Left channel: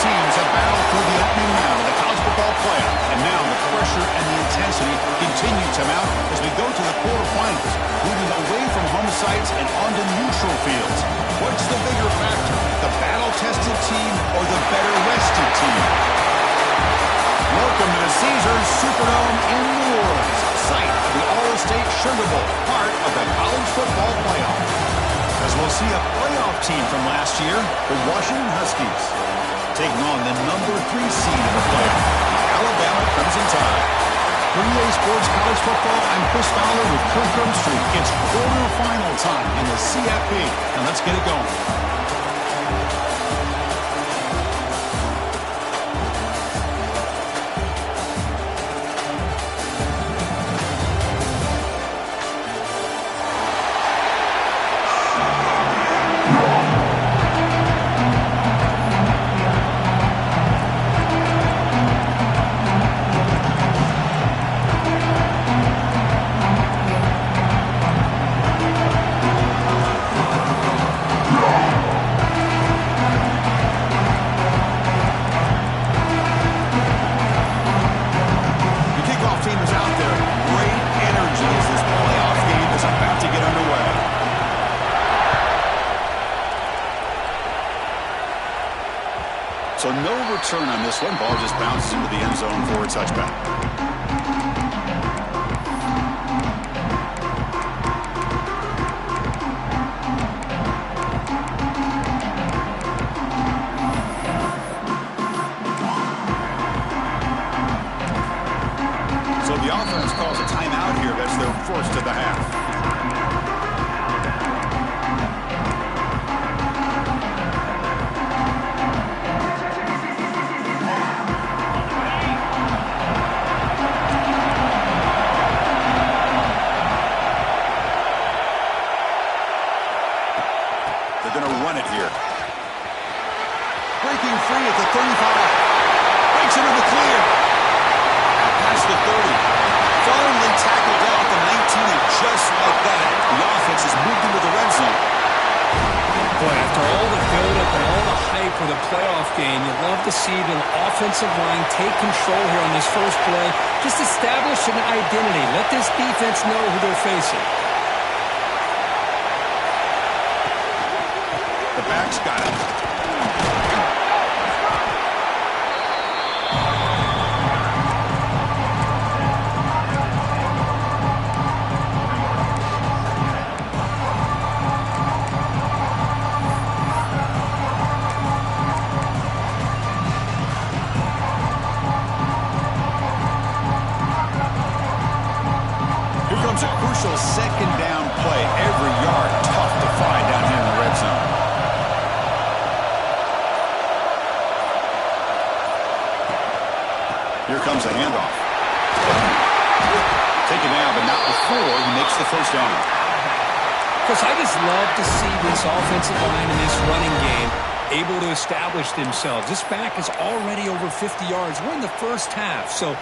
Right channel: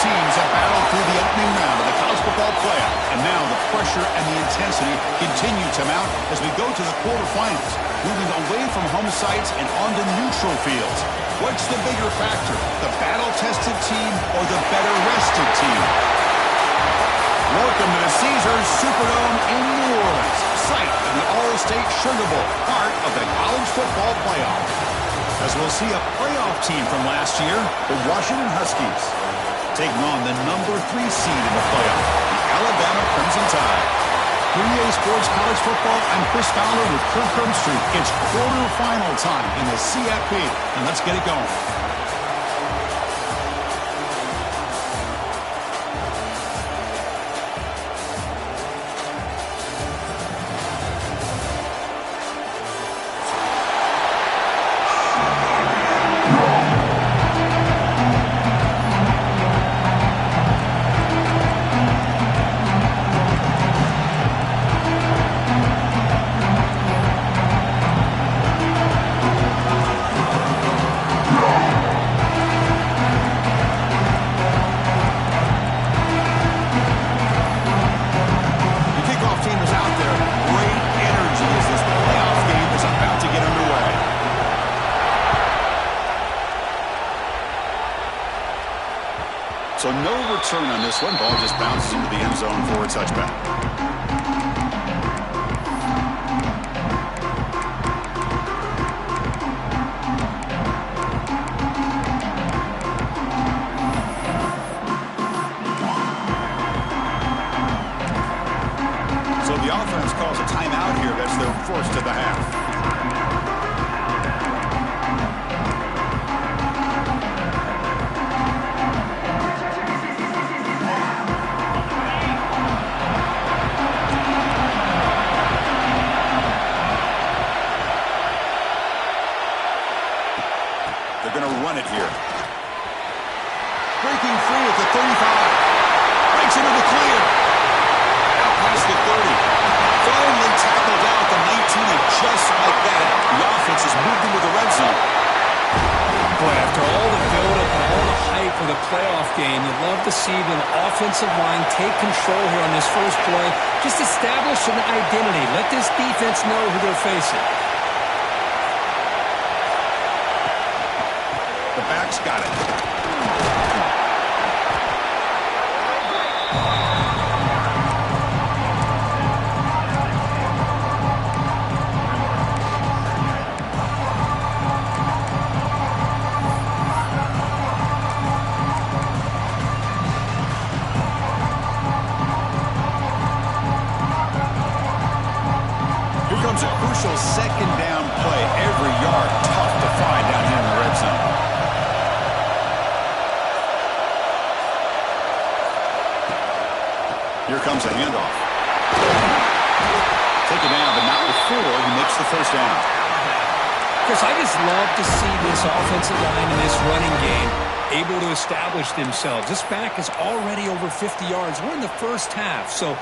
teams have battled through the opening round of the college football playoff, and now the pressure and the intensity continue to mount as we go to the quarterfinals, moving away from home sites and onto neutral fields. What's the bigger factor, the battle-tested team or the better-rested team? Welcome to the Caesars Superdome in New Orleans, site of the All-State Sugar Bowl, part of the college football playoff. As we'll see a playoff team from last year, the Washington Huskies, taking on the number 3 seed in the playoff, the Alabama Crimson Tide. For EA Sports College Football, I'm Chris Fowler with Kirk Herbstreit. It's quarterfinal time in the CFP, and let's get it going. So no return on this one. Ball just bounces into the end zone for a touchback. So the offense calls a timeout here. That's their first of the half. They're going to run it here. Breaking free at the 35. Breaks into the clear. Out past the 30. Finally tackled out the 19, and just like that, the offense has moved into the red zone. Boy, after all the build-up and all the hype for the playoff game, you'd love to see the offensive line take control here on this first play. Just establish an identity. Let this defense know who they're facing. The back's got it. Here comes a crucial second down play. Every yard tough to find down here in the red zone. Here comes a handoff. Taken down, but not before he makes the first down. Chris, I just love to see this offensive line and this running game able to establish themselves. This back is already over 50 yards. We're in the first half, so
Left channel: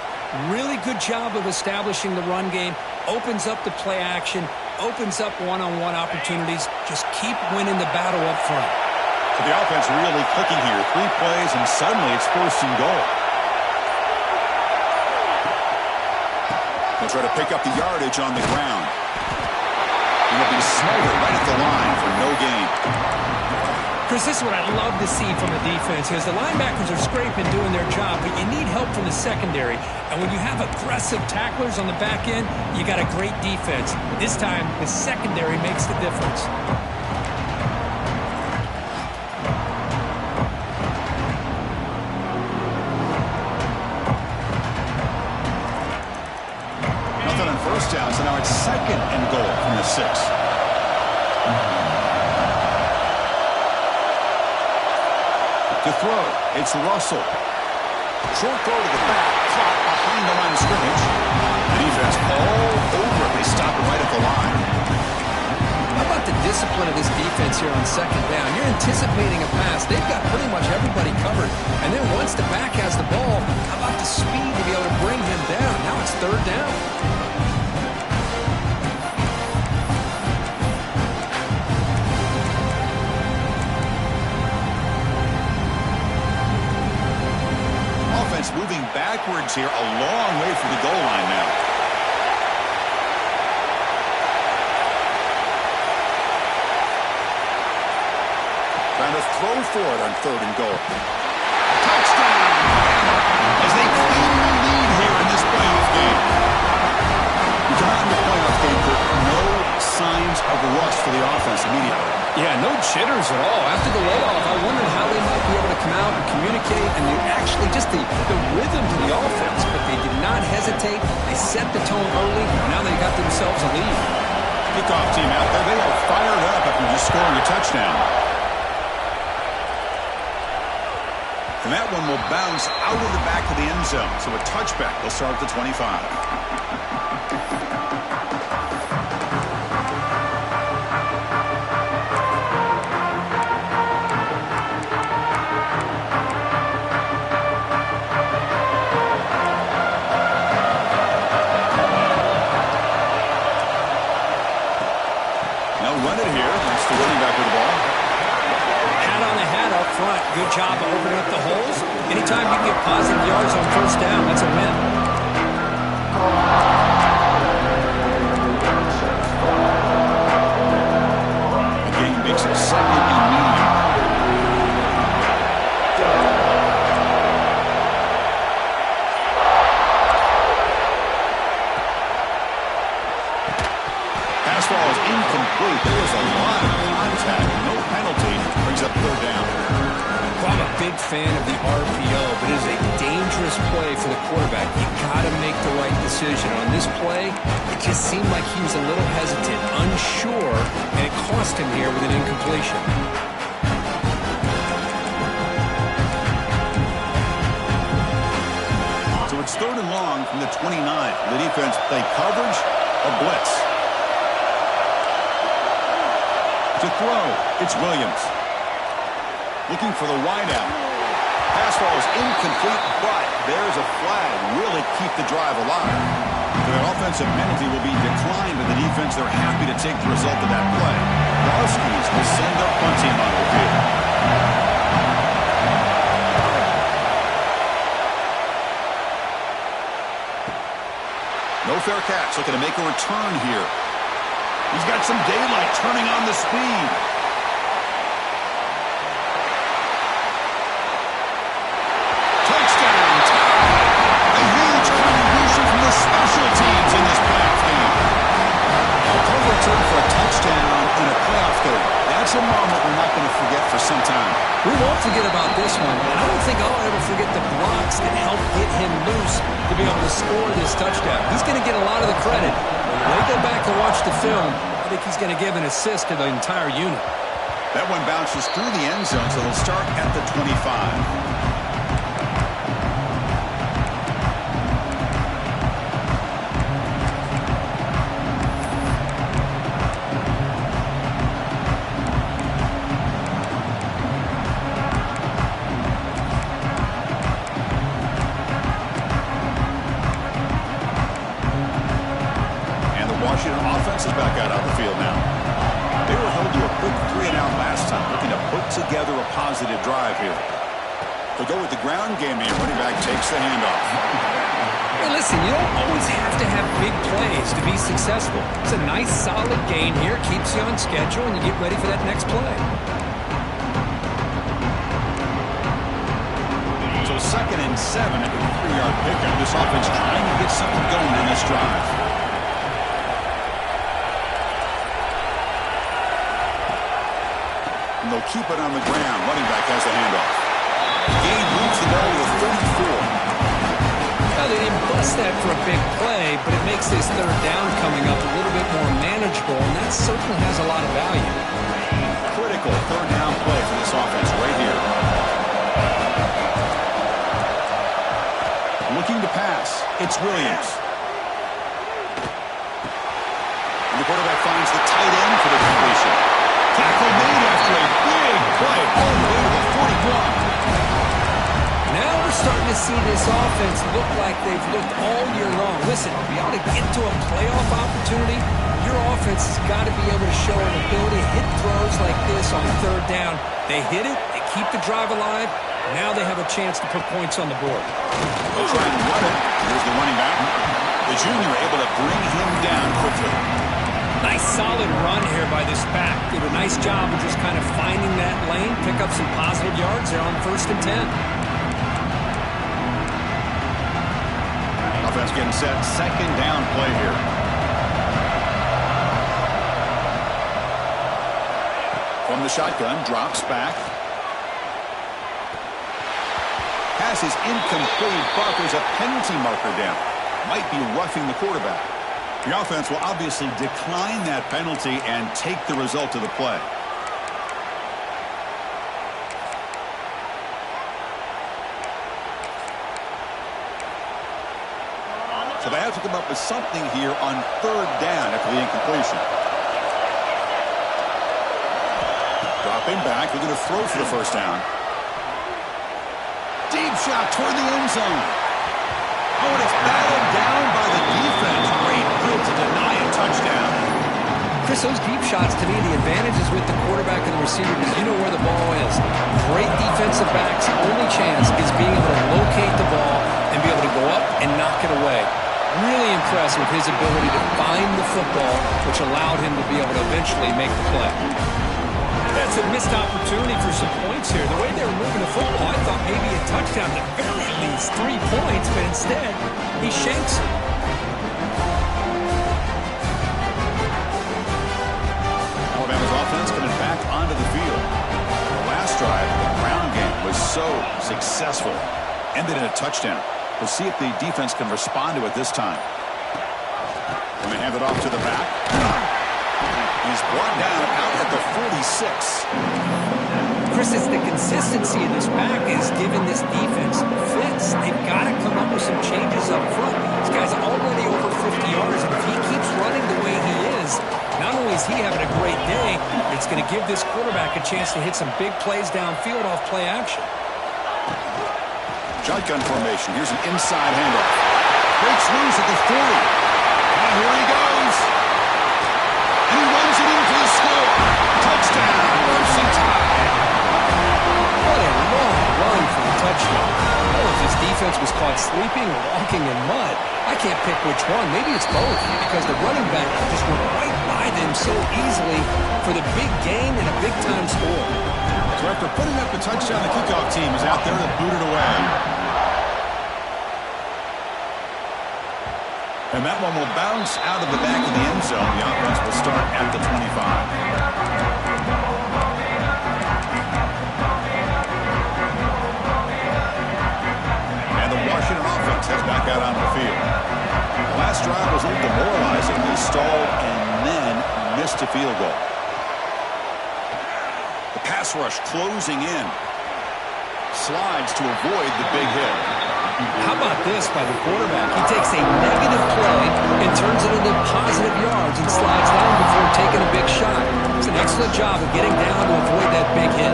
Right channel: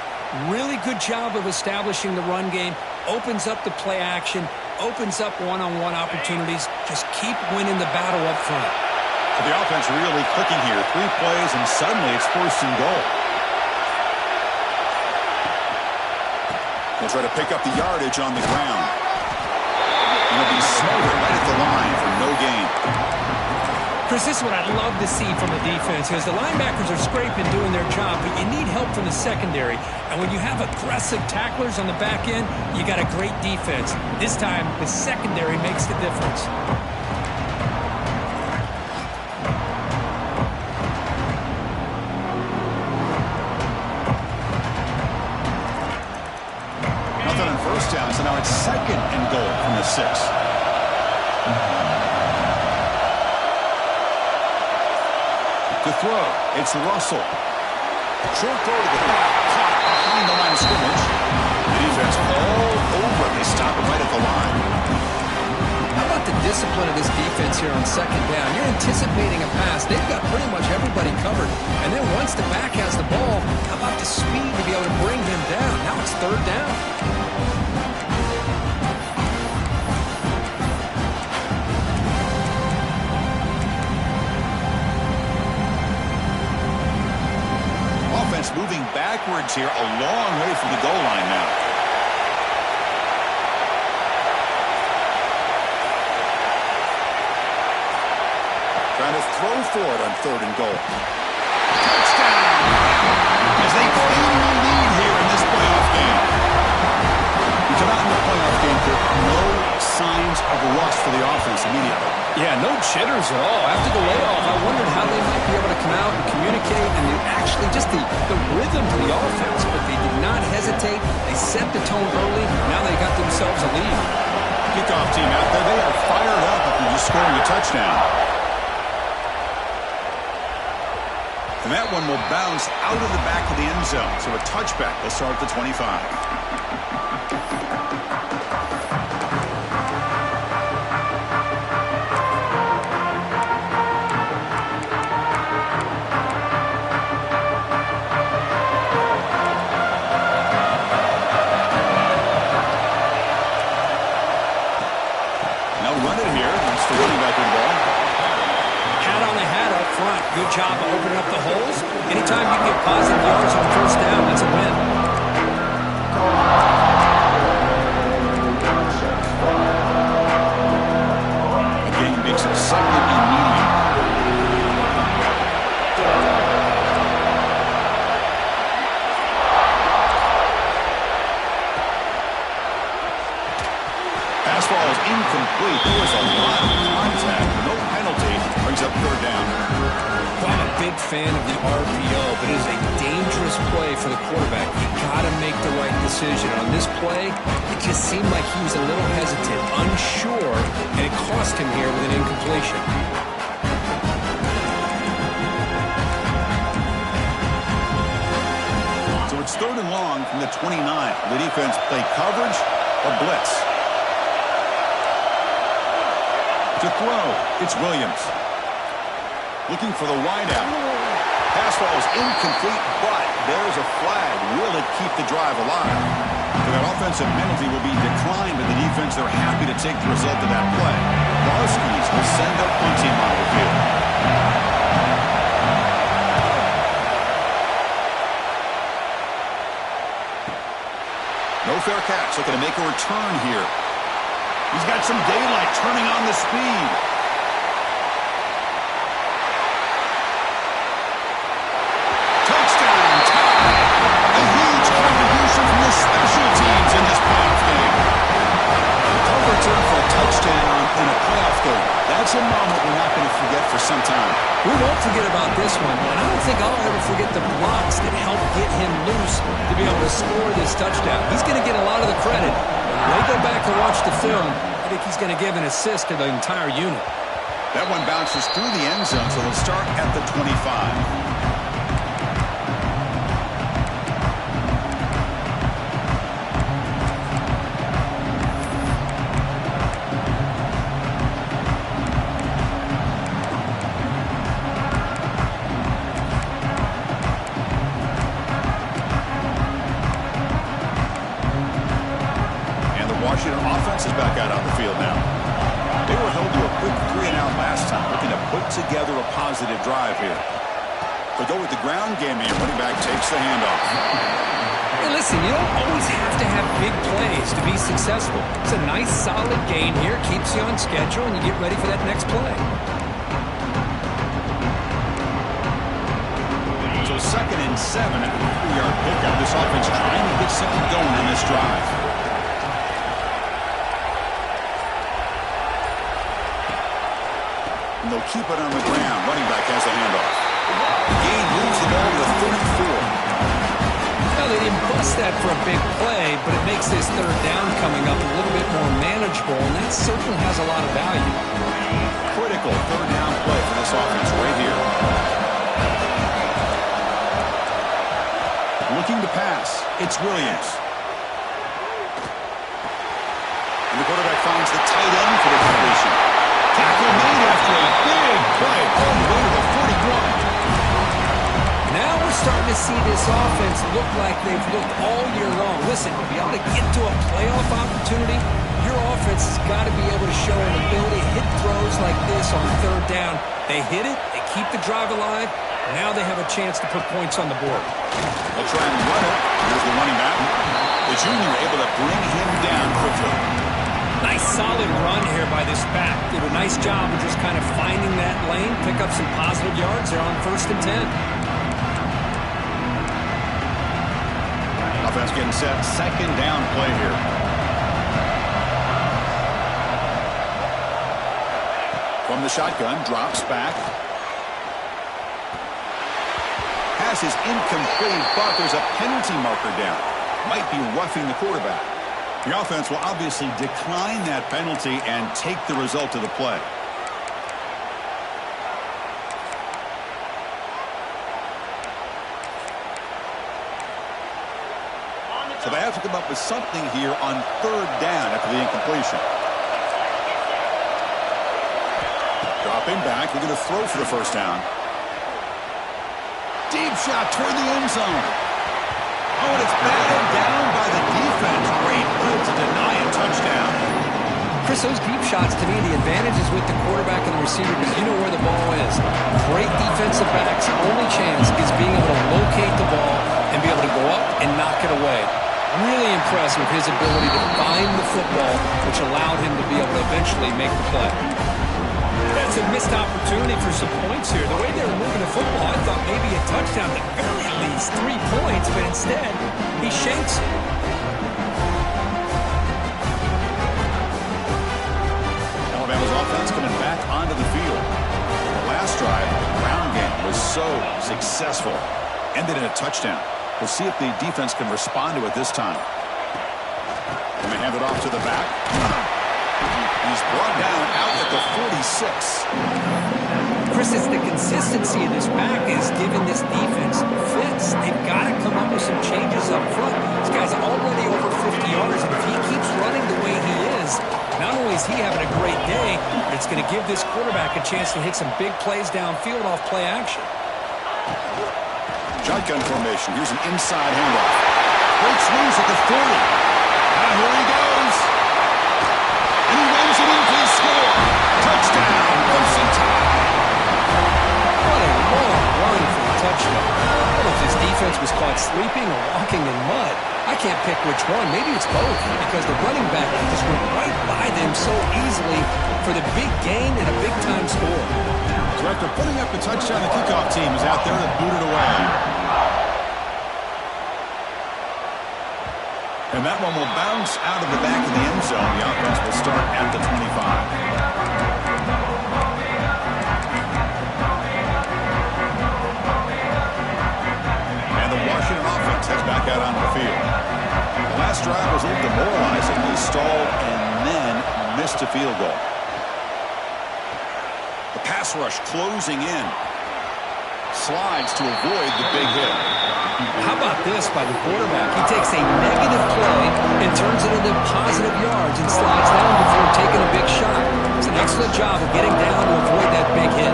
really good job of establishing the run game. Opens up the play action, opens up one-on-one opportunities. Just keep winning the battle up front. So the offense really clicking here. 3 plays, and suddenly it's first and goal. They'll try to pick up the yardage on the ground. And he'll be smothered right at the line for no gain. Chris, this is what I'd love to see from the defense. As the linebackers are scraping, doing their job, but you need help from the secondary. And when you have aggressive tacklers on the back end, you got a great defense. This time, the secondary makes the difference. Nothing on first down, so now it's second and goal from the 6. To throw, it's Russell. Short throw to the back, caught behind the line of scrimmage. The defense all over it. They stop it right at the line. How about the discipline of this defense here on second down? You're anticipating a pass. They've got pretty much everybody covered. And then once the back has the ball, how about the speed to be able to bring him down? Now it's third down. offense moving backwards here, a long way from the goal line now. Trying to throw for it on 3rd and goal. Touchdown! As they claim the lead here in this playoff game. You come out in the playoff game, Kirk, no signs of rust for the offense immediately. Yeah, no jitters at all. After the layoff, I wondered how they might be able to come out and communicate, and actually just the rhythm to the offense, but they did not hesitate. They set the tone early. Now they got themselves a lead. Kickoff team out there, they are fired up after just scoring a touchdown. And that one will bounce out of the back of the end zone. So a touchback. They'll start at the 25. Now run it here. That's the running back with the ball. Hat on a hat up front. Good job of opening up the holes. Anytime you get positive yards on 1st down, that's a win. Okay, he makes it 2nd and medium. Pass ball is incomplete. There was a lot of contact. No penalty. Brings up 3rd down. Well, I'm a big fan of the RPO, but it is a dangerous play for the quarterback. You got to make the right decision. On this play, it just seemed like he was a little hesitant, unsure, and it cost him here with an incompletion. So it's 3rd and long from the 29. The defense play coverage or blitz. To throw, it's Williams. Looking for the wideout. Pass ball is incomplete, but there's a flag. Will it keep the drive alive? So that offensive penalty will be declined by the defense. They're happy to take the result of that play. The Huskies will send their punt team onto the field. No fair catch. Looking to make a return here. He's got some daylight turning on the speed. Touchdown, tie. A huge contribution from the special teams in this playoff game. A punt return for a touchdown in a playoff game. That's a moment we're not going to forget for some time. We won't forget about this one, and I don't think I'll ever forget the blocks that helped get him loose to be able to score this touchdown. He's going to get a lot of the credit. When they go back to watch the film, I think he's going to give an assist to the entire unit. That one bounces through the end zone, so they'll start at the 25. Washington offense is back out on the field now. They were held to a quick 3-and-out last time, looking to put together a positive drive here. They'll go with the ground game here. Running back takes the handoff. Hey, listen, you don't always have to have big plays to be successful. It's a nice, solid gain here. Keeps you on schedule, and you get ready for that next play. So 2nd and 7 at the 3-yard pickup. This offense trying to get something going in this drive. And they'll keep it on the ground. Running back has the handoff. Gain moves the ball to the 34. Well, they didn't bust that for a big play, but it makes this 3rd down coming up a little bit more manageable, and that certainly has a lot of value. Critical 3rd down play for this offense right here. Looking to pass. It's Williams. And the quarterback finds the tight end for the completion. Tackle made after a big play all the way to the 41. Now we're starting to see this offense look like they've looked all year long. Listen, to be able to get to a playoff opportunity, your offense has got to be able to show an ability to hit throws like this on 3rd down. They hit it, they keep the drive alive, Now they have a chance to put points on the board. They'll try and run it. Here's the running back. The junior able to bring him down quickly. Nice solid run here by this back. Did a nice job of just kind of finding that lane, pick up some positive yards there on 1st and 10. Offense getting set. 2nd down play here. From the shotgun, drops back. Pass is incomplete, but there's a penalty marker down. Might be roughing the quarterback. The offense will obviously decline that penalty and take the result of the play. So they have to come up with something here on 3rd down after the incompletion. Dropping back, we're going to throw for the 1st down. Deep shot toward the end zone. Oh, and it's batted down by the defense. Great move to deny a touchdown. Chris, those deep shots, to me, the advantage is with the quarterback and the receiver because you know where the ball is. Great defensive backs' only chance is being able to locate the ball and be able to go up and knock it away. Really impressed with his ability to find the football, which allowed him to be able to eventually make the play. That's a missed opportunity for some points here. The way they were moving the football, I thought maybe a touchdown, at very least 3 points, but instead, he shanks it. Alabama's offense coming back onto the field. The last drive, the ground game was so successful. Ended in a touchdown. We'll see if the defense can respond to it this time. And they hand it off to the back. He's brought down out at the 46. Chris, it's the consistency of this back is giving this defense fits. They've got to come up with some changes up front. This guy's already over 50 yards, and if he keeps running the way he is, not only is he having a great day, but it's going to give this quarterback a chance to hit some big plays downfield off play action. Shotgun formation. Here's an inside handoff. Breaks loose at the 40. Now here he goes. And he runs it in for the score. Touchdown, Crimson Tide. What a long run for the touchdown. I don't know if this defense was caught sleeping or walking in mud. I can't pick which one. Maybe it's both because the running back just went right by them so easily for the big gain and a big-time score. So after putting up the touchdown, the kickoff team is out there to boot it away. And that one will bounce out of the back of the end zone. The offense will start at the 25. And the Washington offense heads back out onto the field. The last drive was a little demoralizing. They stalled and then missed a field goal. The pass rush closing in. Slides to avoid the big hit. How about this by the quarterback? He takes a negative play and turns it into positive yards and slides down before taking a big shot. It's an excellent job of getting down to avoid that big hit.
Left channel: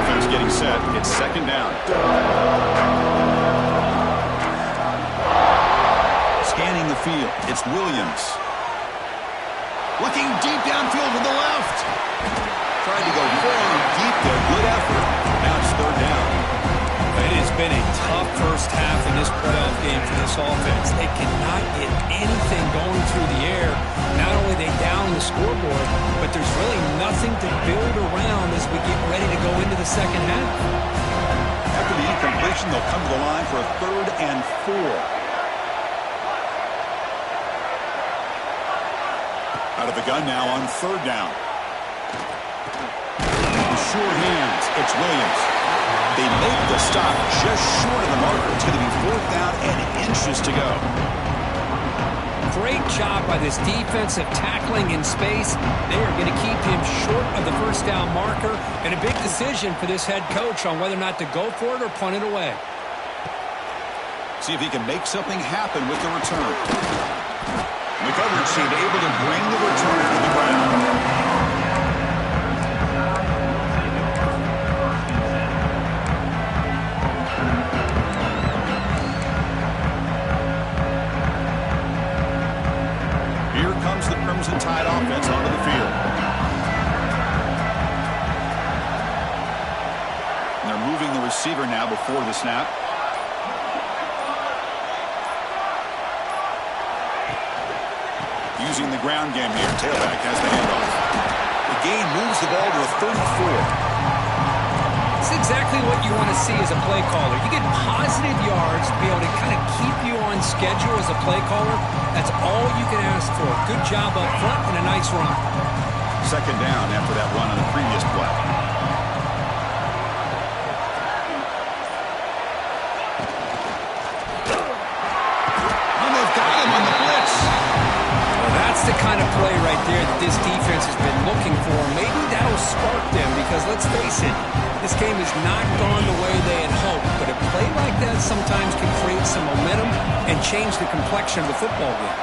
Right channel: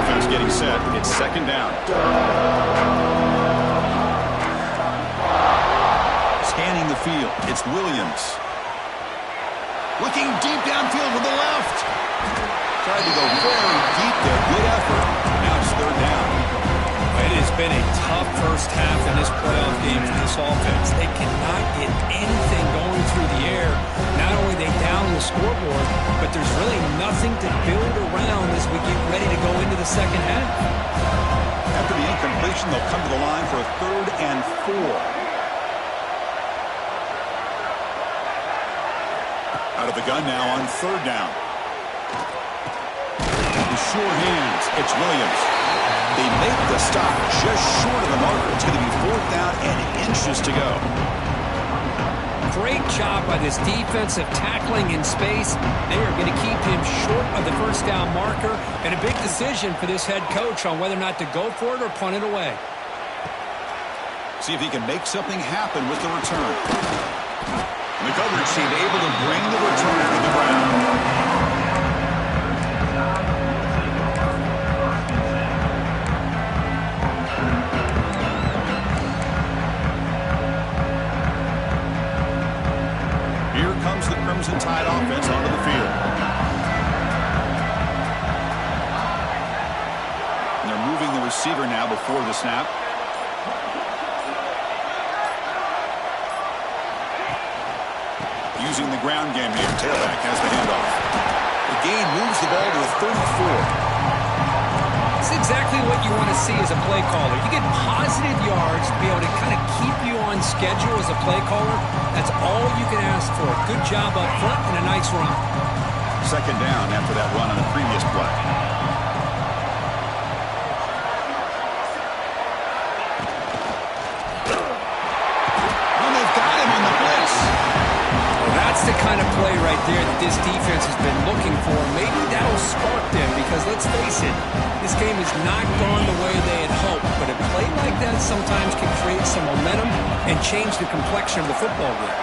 Offense getting set. It's 2nd down. Scanning the field. It's Williams. Looking deep downfield to the left. Tried to go very deep there. Good effort. Now it's 3rd down. It has been a tough first half in this playoff game for this offense. They cannot get anything going through the air. Not only are they down the scoreboard, but there's really nothing to build around as we get ready to go into the second half. After the incompletion, they'll come to the line for a 3rd and 4. Out of the gun now on 3rd down. The sure hands. It's Williams. They make the stop just short of the marker. It's going to be 4th down and inches to go. Great job by this defensive tackling in space. They are going to keep him short of the 1st down marker. And a big decision for this head coach on whether or not to go for it or punt it away. See if he can make something happen with the return. The coverage team able to bring the return to the ground. Here comes the Crimson Tide offense onto the field. moving the receiver now before the snap. Using the ground game here. Tailback has the handoff. The gain moves the ball to the 34. It's exactly what you want to see as a play caller. You get positive yards to be able to kind of keep you on schedule as a play caller. That's all you can ask for. Good job up front and a nice run. Second down after that run on the previous play. And they've got him on the blitz. Well, that's the kind of play right there that this defense has been looking for. Maybe that'll spark them because, let's face it, this game has not gone the way they had hoped. But a play like that sometimes can create some momentum and change the complexion of the football game.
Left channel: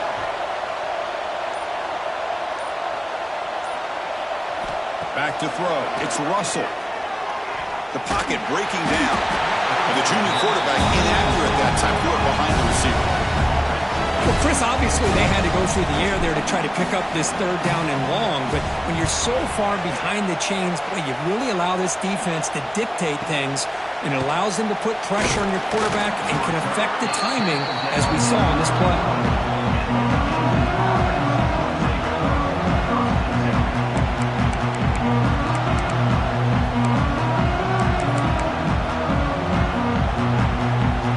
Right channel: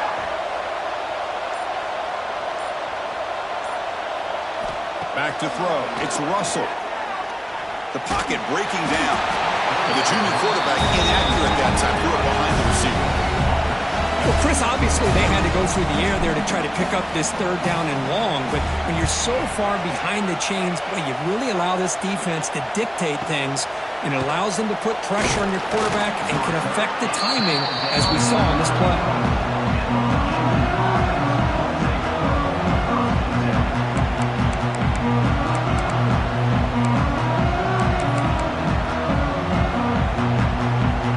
Back to throw. It's Russell. The pocket breaking down. And the junior quarterback inaccurate that time. Threw it behind the receiver. Well, Chris, obviously they had to go through the air there to try to pick up this third down and long. But when you're so far behind the chains, boy, you really allow this defense to dictate things. And it allows them to put pressure on your quarterback and can affect the timing, as we saw on this play.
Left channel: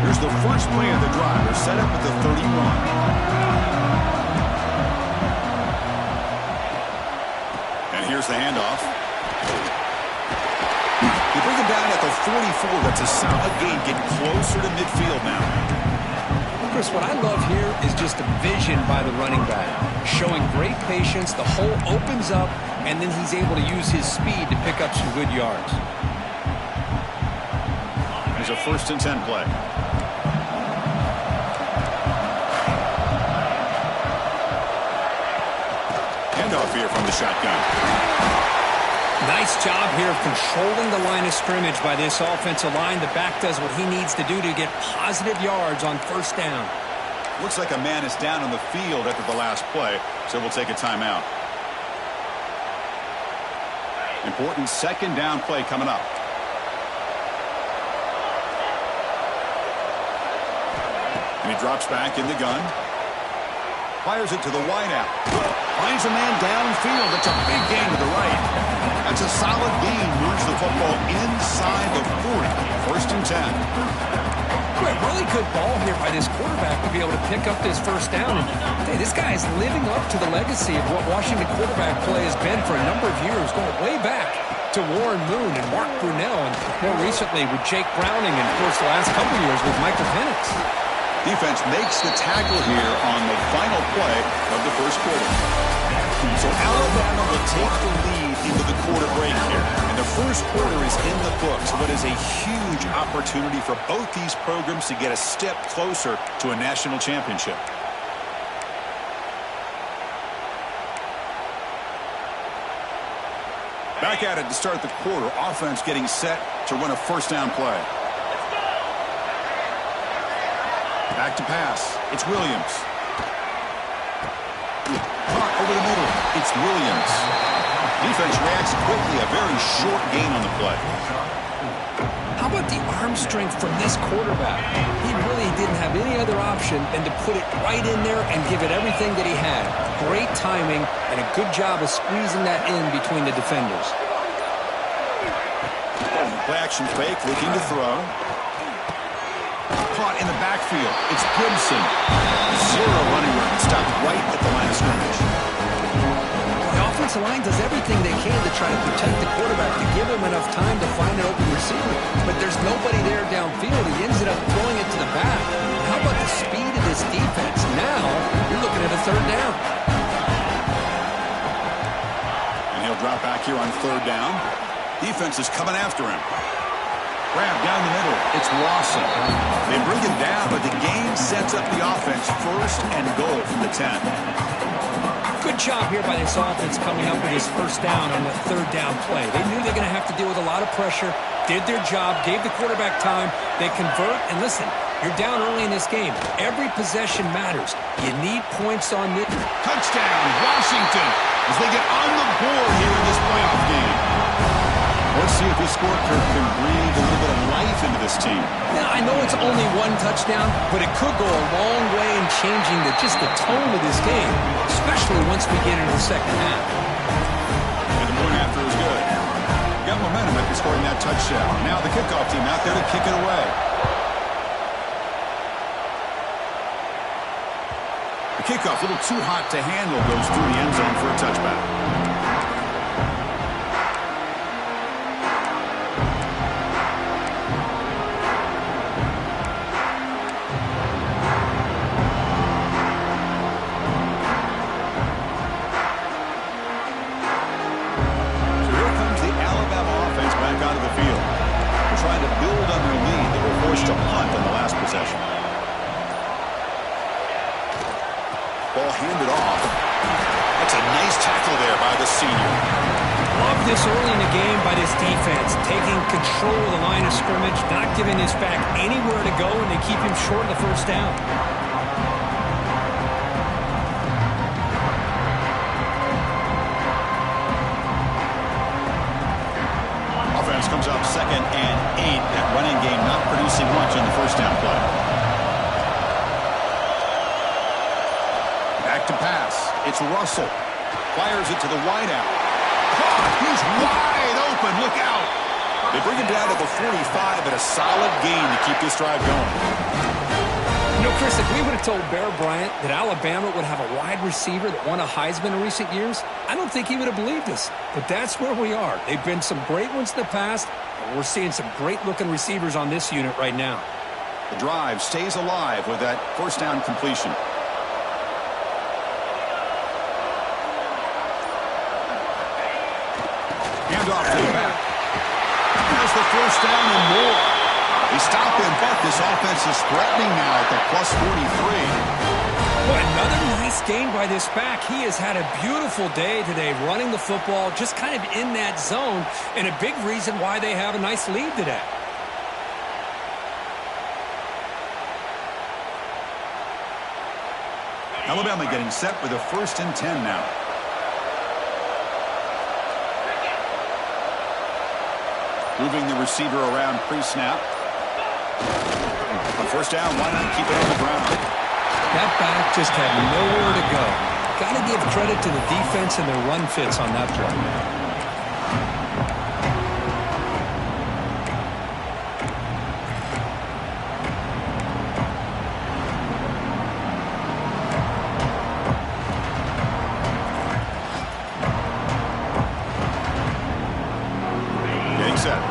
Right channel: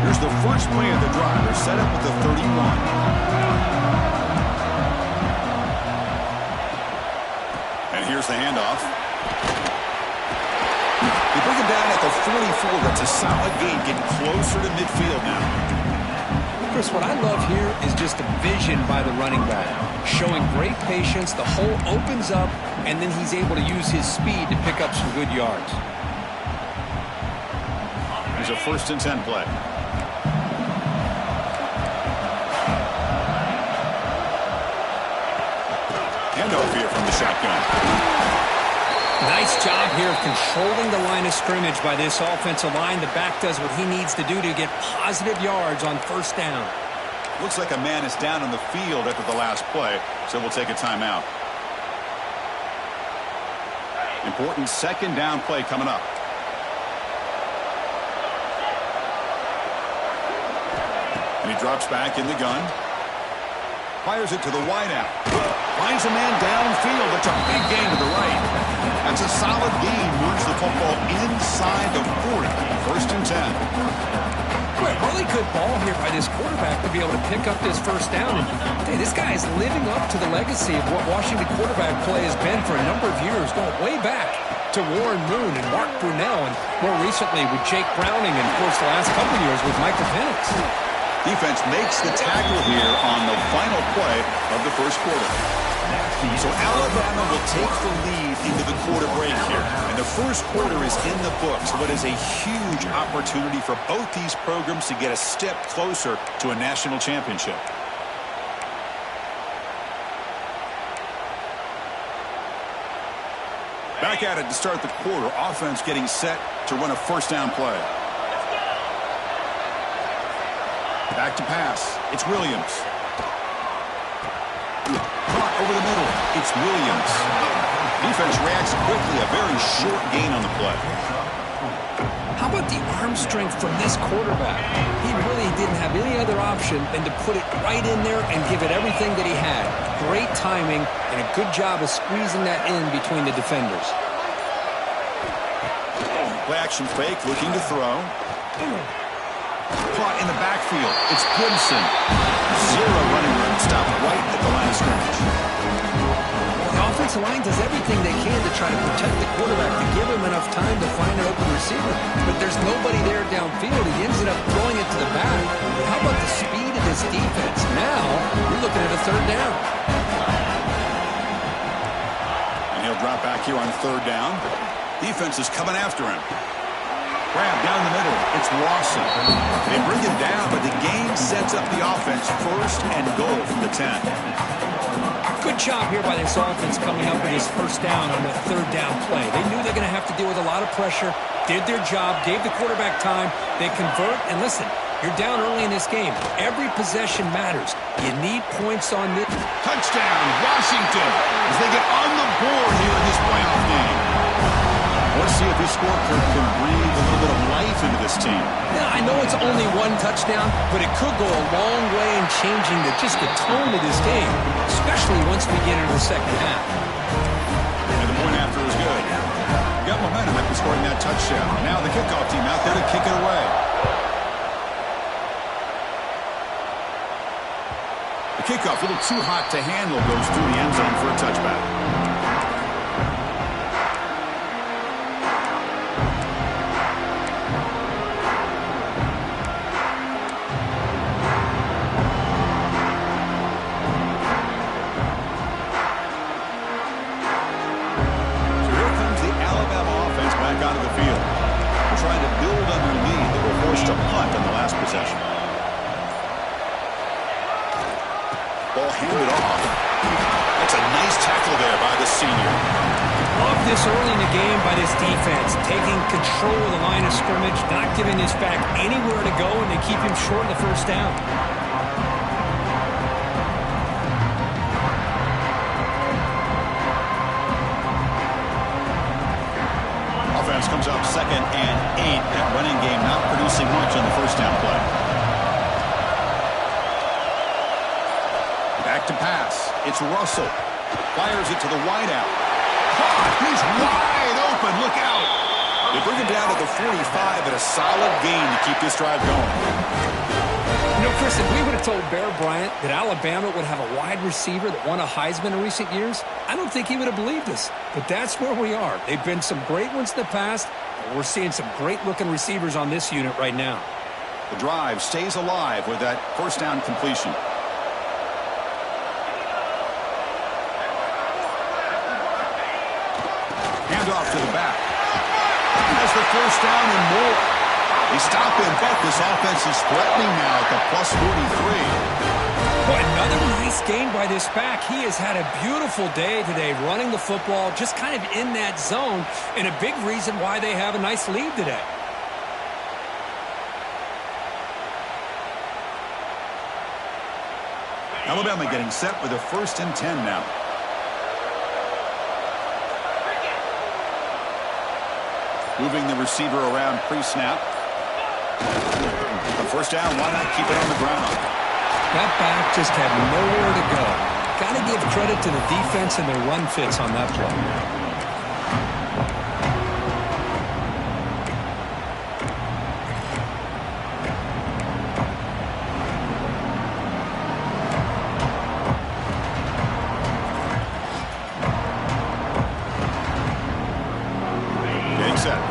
Here's the first play of the drive. They're set up at the 31. And here's the handoff. They bring him down at the 44. That's a solid gain. Getting closer to midfield now. Chris, what I love here is just the vision by the running back. Showing great patience. The hole opens up, and then he's able to use his speed to pick up some good yards. Here's a 1st and 10 play. Handoff here from the shotgun. Nice job here of controlling the line of scrimmage by this offensive line. The back does what he needs to do to get positive yards on first down. Looks like a man is down on the field after the last play, so we'll take a timeout. Important second down play coming up. And he drops back in the gun. Fires it to the wideout. Finds a man downfield. That's a big gain to the right. That's a solid gain. Moves the football inside the 40. 1st and 10. Really good ball here by this quarterback to be able to pick up this first down. And hey, this guy is living up to the legacy of what Washington quarterback play has been for a number of years, going way back to Warren Moon and Mark Brunell, and more recently with Jake Browning, and of course the last couple years with Michael Penix. Defense makes the tackle here on the final play of the first quarter. So Alabama will take the lead into the quarter break here. And the first quarter is in the books. But is a huge opportunity for both these programs to get a step closer to a national championship. Back at it to start the quarter. Offense getting set to run a first down play. Back to pass. It's Williams. Caught over the middle. It's Williams. Defense reacts quickly. A very short gain on the play. How about the arm strength from this quarterback? He really didn't have any other option than to put it right in there and give it everything that he had. Great timing and a good job of squeezing that in between the defenders. Play action fake, looking to throw. Caught in the backfield. It's Gibson. Zero running room. Stopped right at the line of scrimmage. The offensive line does everything they can to try to protect the quarterback, to give him enough time to find an open receiver. But there's nobody there downfield. He ended up throwing it to the back. But how about the speed of this defense? Now you're looking at a third down. And he'll drop back here on third down. Defense is coming after him. Grab down the middle. It's Lawson. They bring him down, but the game sets up the offense. 1st and goal from the 10. Good job here by this offense coming up with this first down on the third down play. They knew they're going to have to deal with a lot of pressure, did their job, gave the quarterback time. They convert, and listen, you're down early in this game. Every possession matters. You need points on this. Touchdown, Washington, as they get on the board here in this playoff game. Well, it's see if his scorecard can breathe a little bit of life into this team. Now, I know it's only one touchdown, but it could go a long way in changing just the tone of this game, especially once we get into the second half. And the point after is good. Got momentum after scoring that touchdown. Now the kickoff team out there to kick it away. The kickoff, a little too hot to handle, goes through the end zone for a touchback. Trying to build on their lead. They were forced to punt on the last possession. Ball handed off. That's a nice tackle there by the senior. Love this early in the game by this defense, taking control of the line of scrimmage, not giving this back anywhere to go, and they keep him short of the first down. Comes up 2nd and 8. That running game not producing much on the first down play. Back to pass. It's Russell. Fires it to the wideout. Caught. He's wide open. Look out. They bring him down to the 45 at a solid gain to keep this drive going. You know, Chris, if we would have told Bear Bryant that Alabama would have a wide receiver that won a Heisman in recent years, I don't think he would have believed us. But that's where we are. They've been some great ones in the past, and we're seeing some great-looking receivers on this unit right now. The drive stays alive with that first down completion. Handoff to the back. Has the first down and more. They stop him, but this offense is threatening now at the plus 43. Well, another nice gain by this back. He has had a beautiful day today running the football, just kind of in that zone, and a big reason why they have a nice lead today. Alabama getting set with a 1st and 10 now. Moving the receiver around pre-snap. On first down, why not keep it on the ground? That back just had nowhere to go. Got to give credit to the defense and their run fits on that play.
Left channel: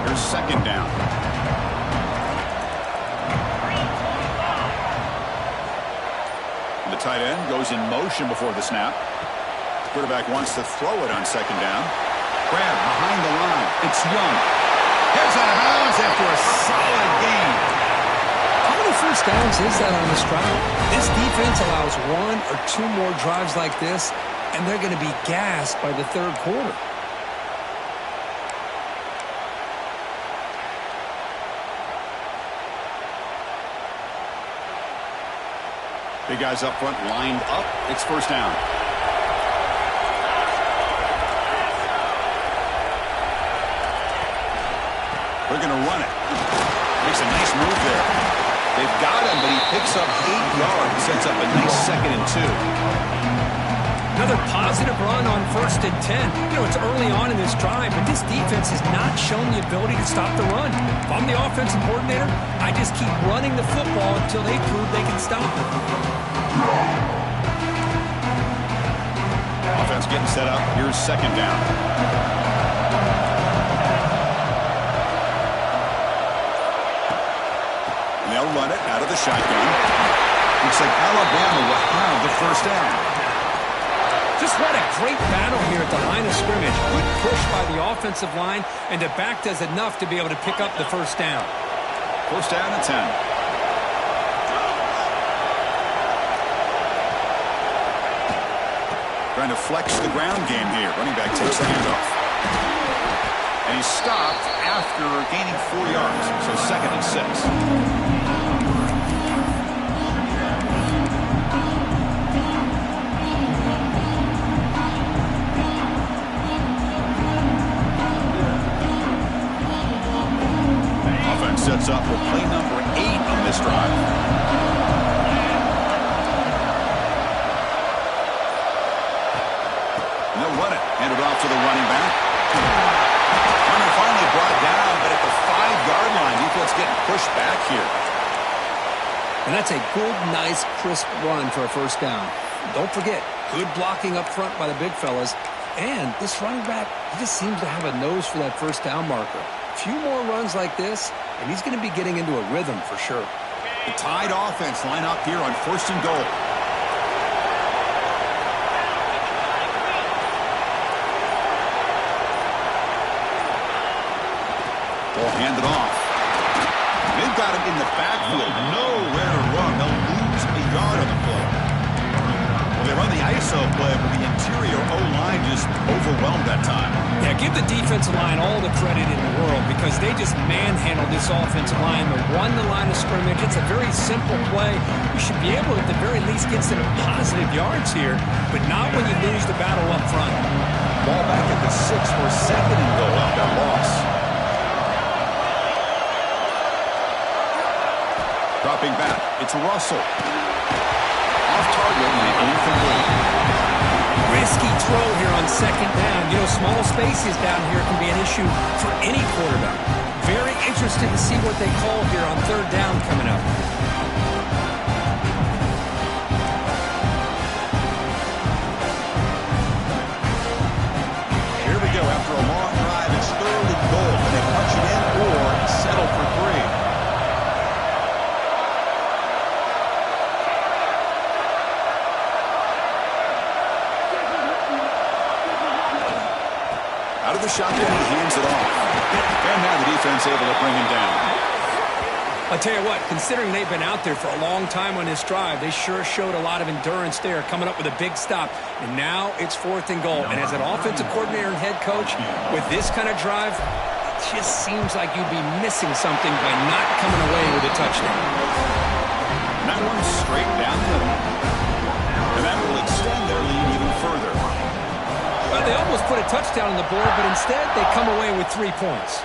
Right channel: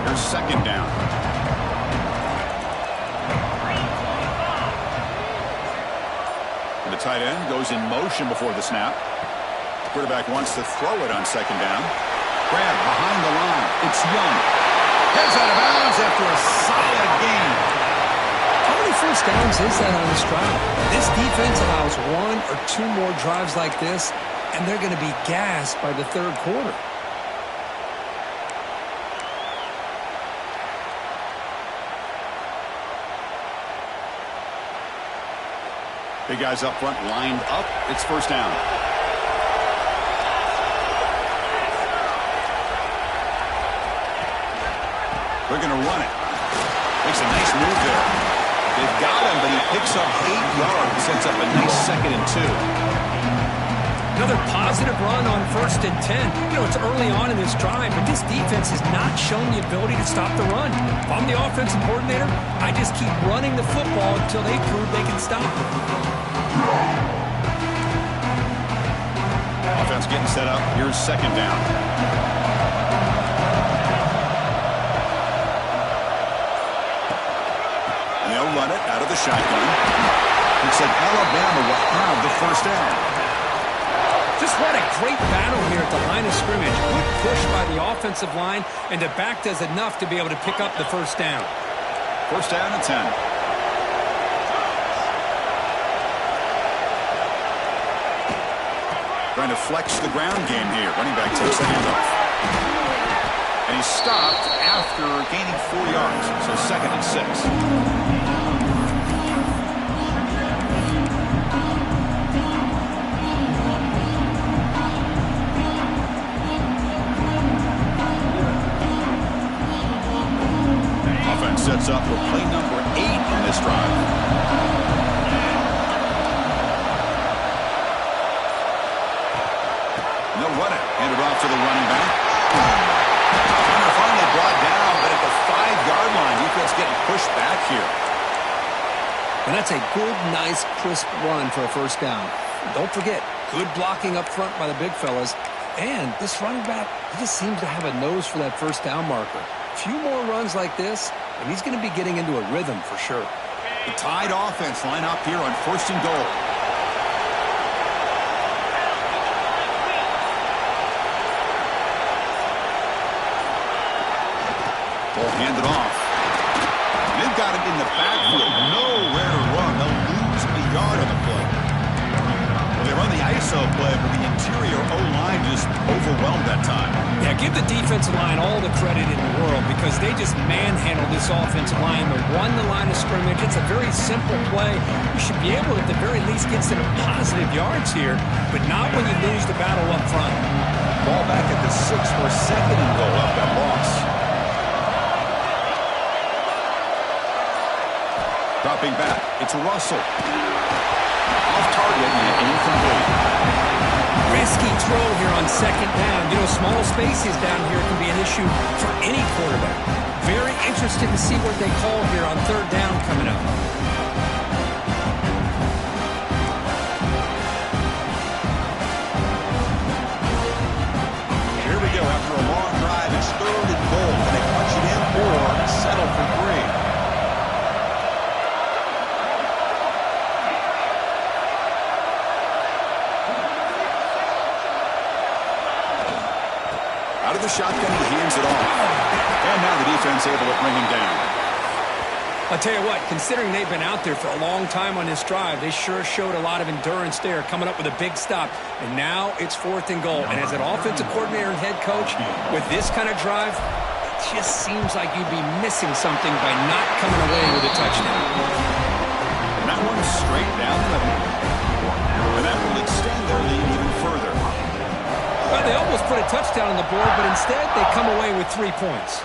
Here's 2nd down. The tight end goes in motion before the snap. Quarterback wants to throw it on 2nd down. Grab behind the line. It's Young. Heads out of bounds after a solid gain. How many first downs is that on this drive? This defense allows 1 or 2 more drives like this, and they're going to be gassed by the 3rd quarter. Big guys up front lined up. It's first down. They're going to run it. Makes a nice move there. They've got him, but he picks up 8 yards. Sets up a nice 2nd and 2. Another positive run on 1st and 10. You know, it's early on in this drive, but this defense has not shown the ability to stop the run. If I'm the offensive coordinator, I just keep running the football until they prove they can stop it. Offense getting set up. Here's 2nd down. And they'll run it out of the shotgun. Looks like Alabama will have the first down. Just what a great battle here at the line of scrimmage. Good push by the offensive line, and the back does enough to be able to pick up the first down. First down and 10. Trying to flex the ground game here. Running back takes the handoff. And he's stopped after gaining 4 yards. So 2nd and 6. sets up for play number 8 on this drive. And they'll run it. Hand it off to the running back. Hunter finally brought down, but at the 5-yard line, defense getting pushed back here. And that's a good, nice, crisp run for a first down. Don't forget, good blocking up front by the big fellas. And this running back, he just seems to have a nose for that first down marker. A few more runs like this, and he's going to be getting into a rhythm for sure. The Tide offense line up here on 1st and goal. Ball handed off. They've got it in the backfield. Nowhere to run. They'll lose a yard on the play. Well, they run the ISO play, but the interior O-line just overwhelmed that time. Yeah, give the defensive line all the credit in the world because they just manhandled this offensive line. They won the line of scrimmage. It's a very simple play. You should be able to, at the very least, get some positive yards here, but not when you lose the battle up front. Ball back at the 6 for 2nd and goal off that loss. Dropping back, it's Russell. Off target and incomplete. Risky throw here on 2nd down. You know, small spaces down here can be an issue for any quarterback. Very interested to see what they call here on 3rd down coming up. Here we go. After a long drive, it's 3rd and goal. Can they punch it in or settle for 3? Out of the shotgun, he hands it off. And now the defense able to bring him down. I'll tell you what, considering they've been out there for a long time on this drive, they sure showed a lot of endurance there, coming up with a big stop. And now it's 4th and goal. And as an offensive coordinator and head coach, with this kind of drive, it just seems like you'd be missing something by not coming away with a touchdown. And that one's straight down the middle. And that will extend their lead even further. Well, they almost put a touchdown on the board, but instead they come away with 3 points.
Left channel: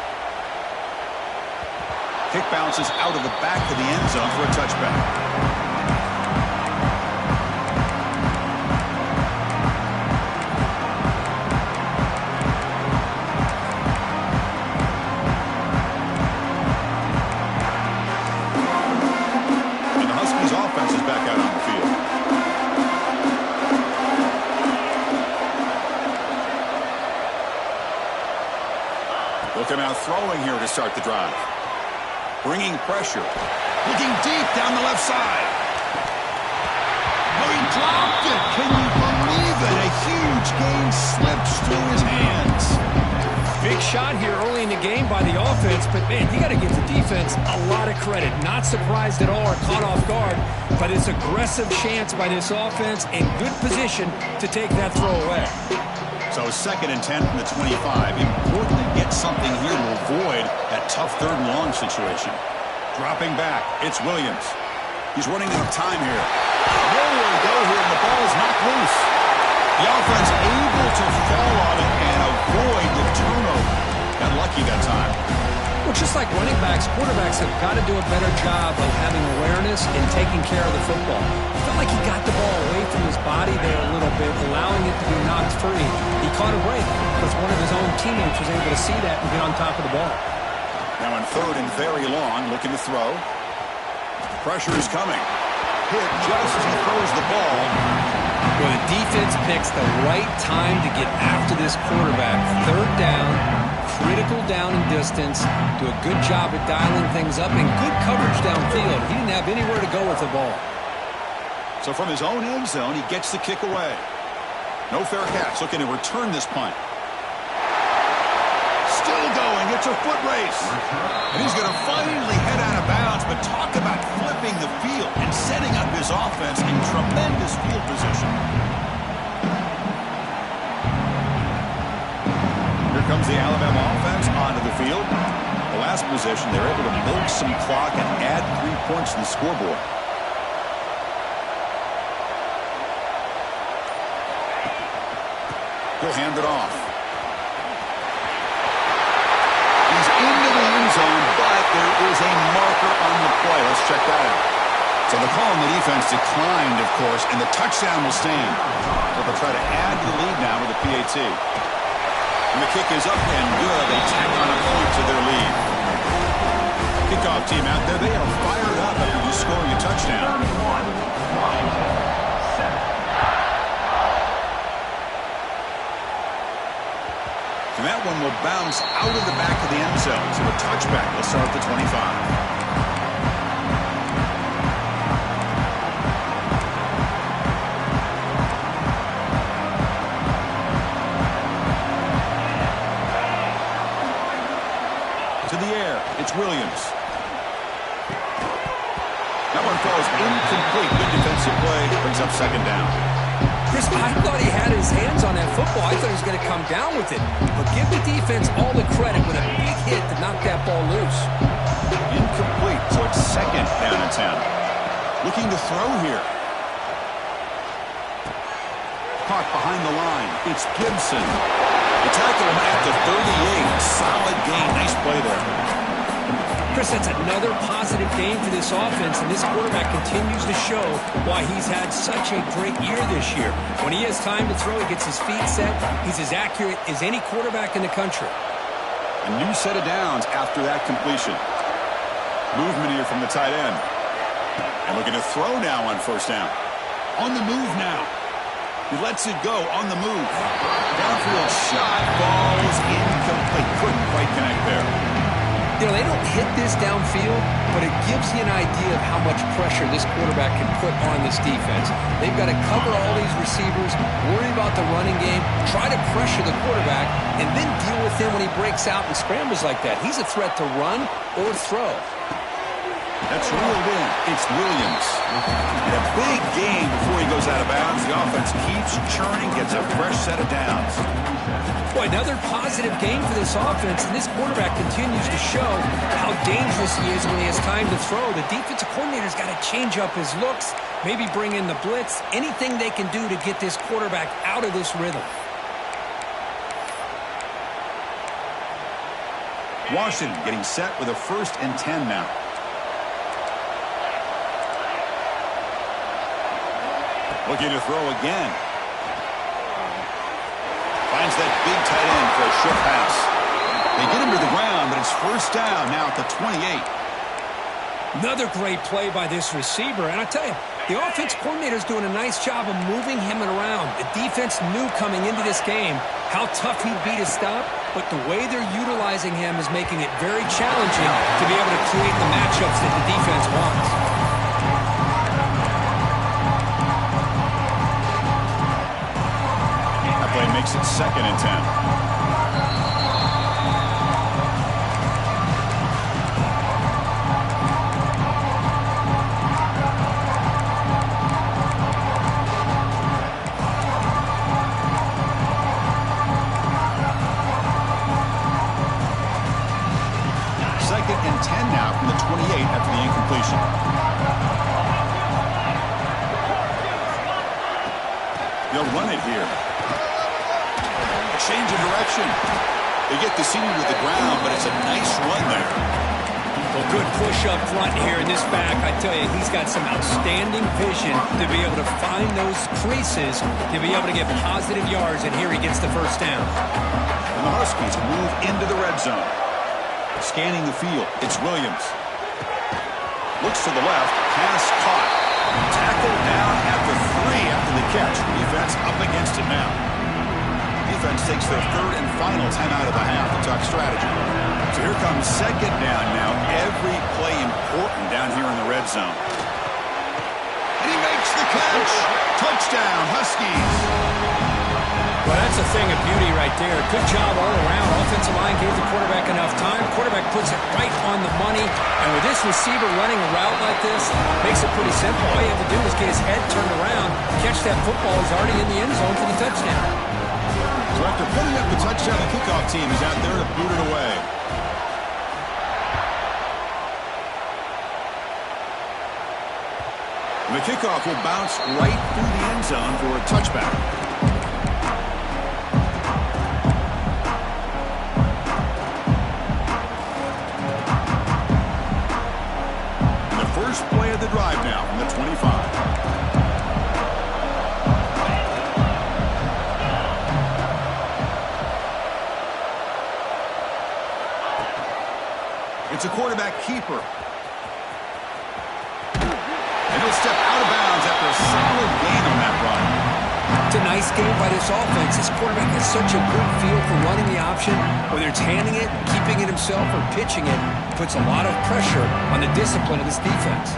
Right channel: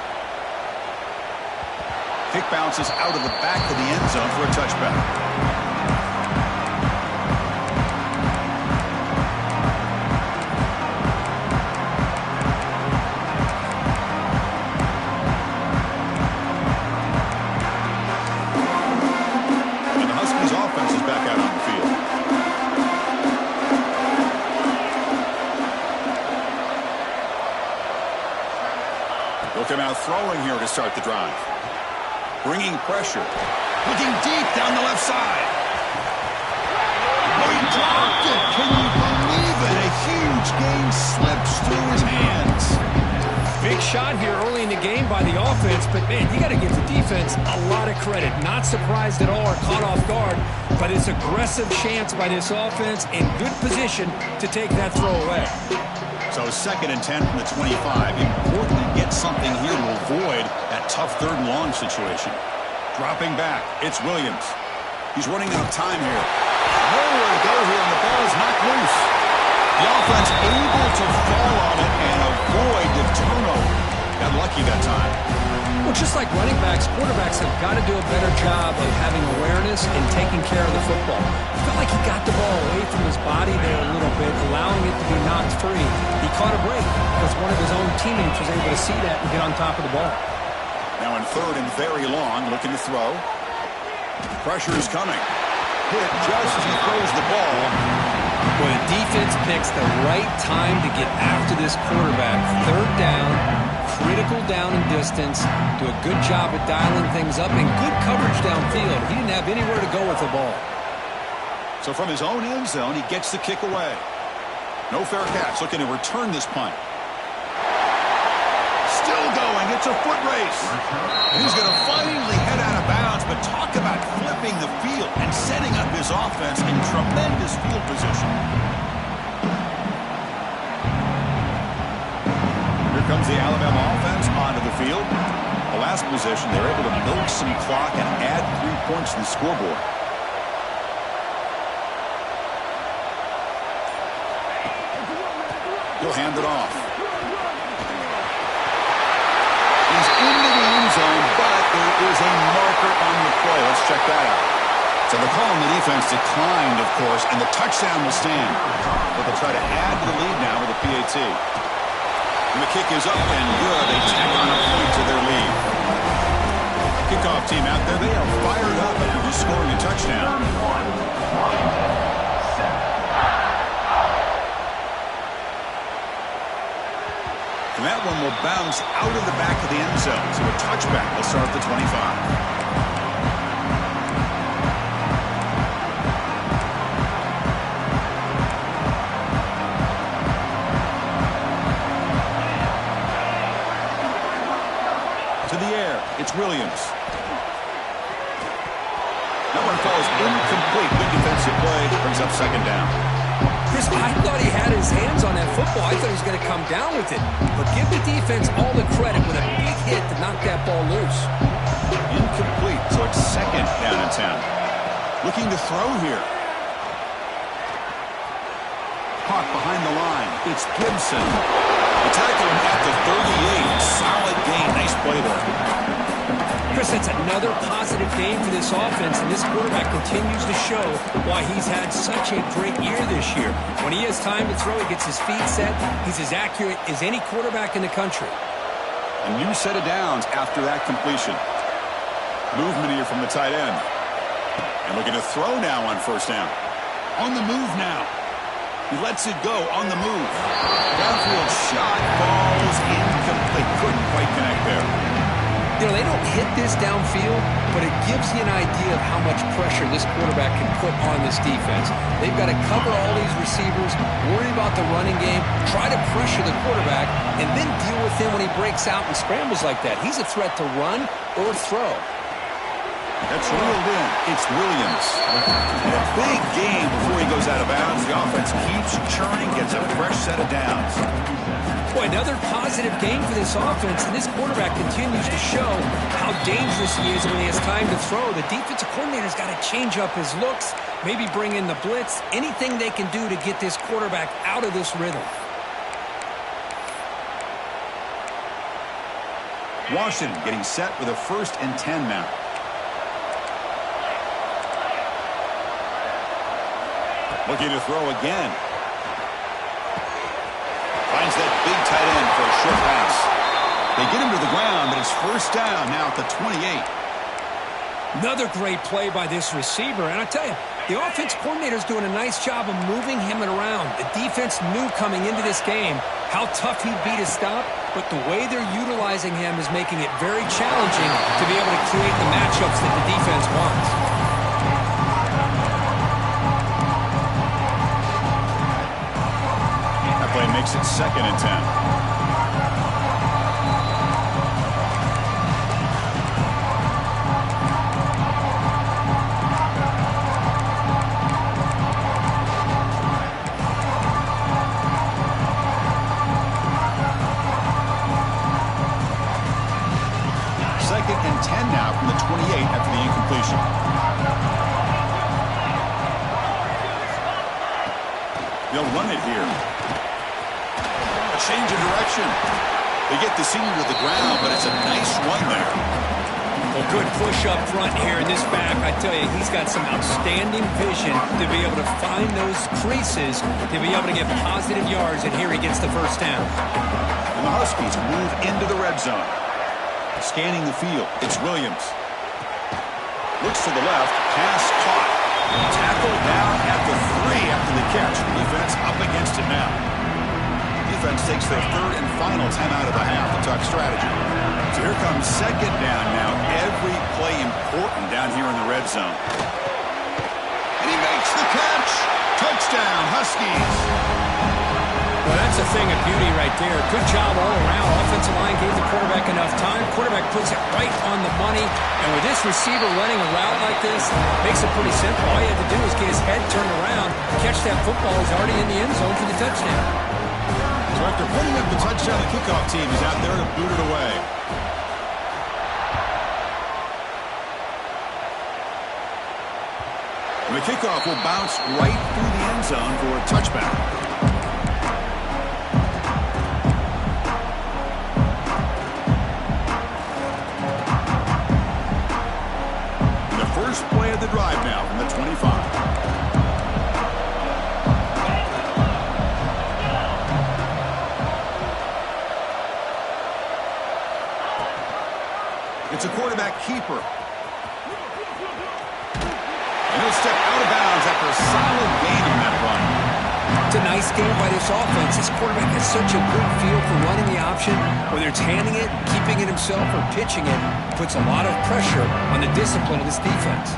Kick bounces out of the back of the end zone for a touchback. And the Huskies offense is back out on the field. They'll come out throwing here to start the drive. Bringing pressure. Looking deep down the left side. Oh, he dropped it. Can you believe it? A huge gain slips through his hands. Big shot here early in the game by the offense, but, man, you got to give the defense a lot of credit. Not surprised at all or caught off guard, but it's aggressive chance by this offense in good position to take that throw away. So 2nd and 10 from the 25. Important to get something here to avoid that tough 3rd and long situation. Dropping back, it's Williams. He's running out of time here. Nowhere to go here, and the ball is knocked loose. The offense able to fall on it and avoid the turnover. Got lucky that time. Well, just like running backs, quarterbacks have got to do a better job of having awareness and taking care of the football. I felt like he got the ball away from his body there a little bit, allowing it to be knocked free. He caught a break because one of his own teammates was able to see that and get on top of the ball. Now in 3rd and very long, looking to throw. Pressure is coming. Hit just as he throws the ball. Well, the defense picks the right time to get after this quarterback. 3rd down, critical down and distance. Do a good job at dialing things up and good coverage downfield. He didn't have anywhere to go with the ball. So from his own end zone, he gets the kick away. No fair catch. Looking to return this punt. Still going. It's a foot race. And he's going to finally head out of bounds, but talk about flipping the field and setting up his offense in tremendous field position. Here comes the Alabama offense onto the field. The last possession, they're able to milk some clock and add 3 points to the scoreboard. He'll hand it off. He's into the end end zone, but there is a marker on the play. Let's check that out. So the call on the defense declined, of course, and the touchdown will stand. So they'll try to add to the lead now with a PAT. And the kick is up and good. They tack on a point to their lead. Kickoff team out there, they are fired up after just scoring a touchdown. And that one will bounce out of the back of the end zone. So a touchback will start at the 25. To the air, it's Williams. That one falls incomplete. Good defensive play. Brings up second down. Chris, I thought he had his hands on that football. I thought he was going to come down with it. But give the defense all the credit with a big hit to knock that ball loose. Incomplete, so it's second down and 10. Looking to throw here. Caught behind the line. It's Gibson. They tackle him at the 38. Solid gain. Nice play there. Chris, that's another positive game for this offense, and this quarterback continues to show why he's had such a great year this year. When he has time to throw, he gets his feet set. He's as accurate as any quarterback in the country. A new set of downs after that completion. Movement here from the tight end. And looking to throw now on first down. On the move now. He lets it go on the move. Downfield shot, falls incomplete. Couldn't quite connect there. You know, they don't hit this downfield, but it gives you an idea of how much pressure this quarterback can put on this defense. They've got to cover all these receivers, worry about the running game, try to pressure the quarterback, and then deal with him when he breaks out and scrambles like that. He's a threat to run or throw. That's reeled in. It's Williams. And a big game before he goes out of bounds. The offense keeps churning, gets a fresh set of downs. Boy, another positive game for this offense, and this quarterback continues to show how dangerous he is when he has time to throw. The defensive coordinator's got to change up his looks, maybe bring in the blitz, anything they can do to get this quarterback out of this rhythm. Washington getting set with a 1st and 10 now. Looking to throw again. Finds that big tight end for a short pass. They get him to the ground, but it's first down now at the 28. Another great play by this receiver. And I tell you, the offense coordinator's doing a nice job of moving him around. The defense knew coming into this game how tough he'd be to stop, but the way they're utilizing him is making it very challenging to be able to create the matchups that the defense wants. Play makes it 2nd and 10. Second and 10 now from the 28 after the incompletion. They'll run it here. Change of direction. They get the senior to the ground, but it's a nice run there. Well, good push up front here in this back. I tell you, he's got some outstanding vision to be able to find those creases, to be able to get positive yards, and here he gets the first down. And the Huskies move into the red zone. Scanning the field, it's Williams. Looks to the left, pass caught. Tackle down at the 3 after the catch. Defense up against it now. Defense takes their 3rd and final timeout of the half to talk strategy. So here comes second down now. Every play important down here in the red zone. And he makes the catch. Touchdown, Huskies. Well, that's a thing of beauty right there. Good job all around. Offensive line gave the quarterback enough time. Quarterback puts it right on the money. And with this receiver running a route like this, makes it pretty simple. All you have to do is get his head turned around, catch that football. He's already in the end zone for the touchdown. So after putting up the touchdown, the kickoff team is out there to boot it away. And the kickoff will bounce right through the end zone for a touchback. drive now from the 25. It's a quarterback keeper. And he'll step out of bounds after a solid gain on that run. It's a nice game by this offense. This quarterback has such a good feel for running the option. Whether it's handing it, keeping it himself, or pitching it, puts a lot of pressure on the discipline of this defense.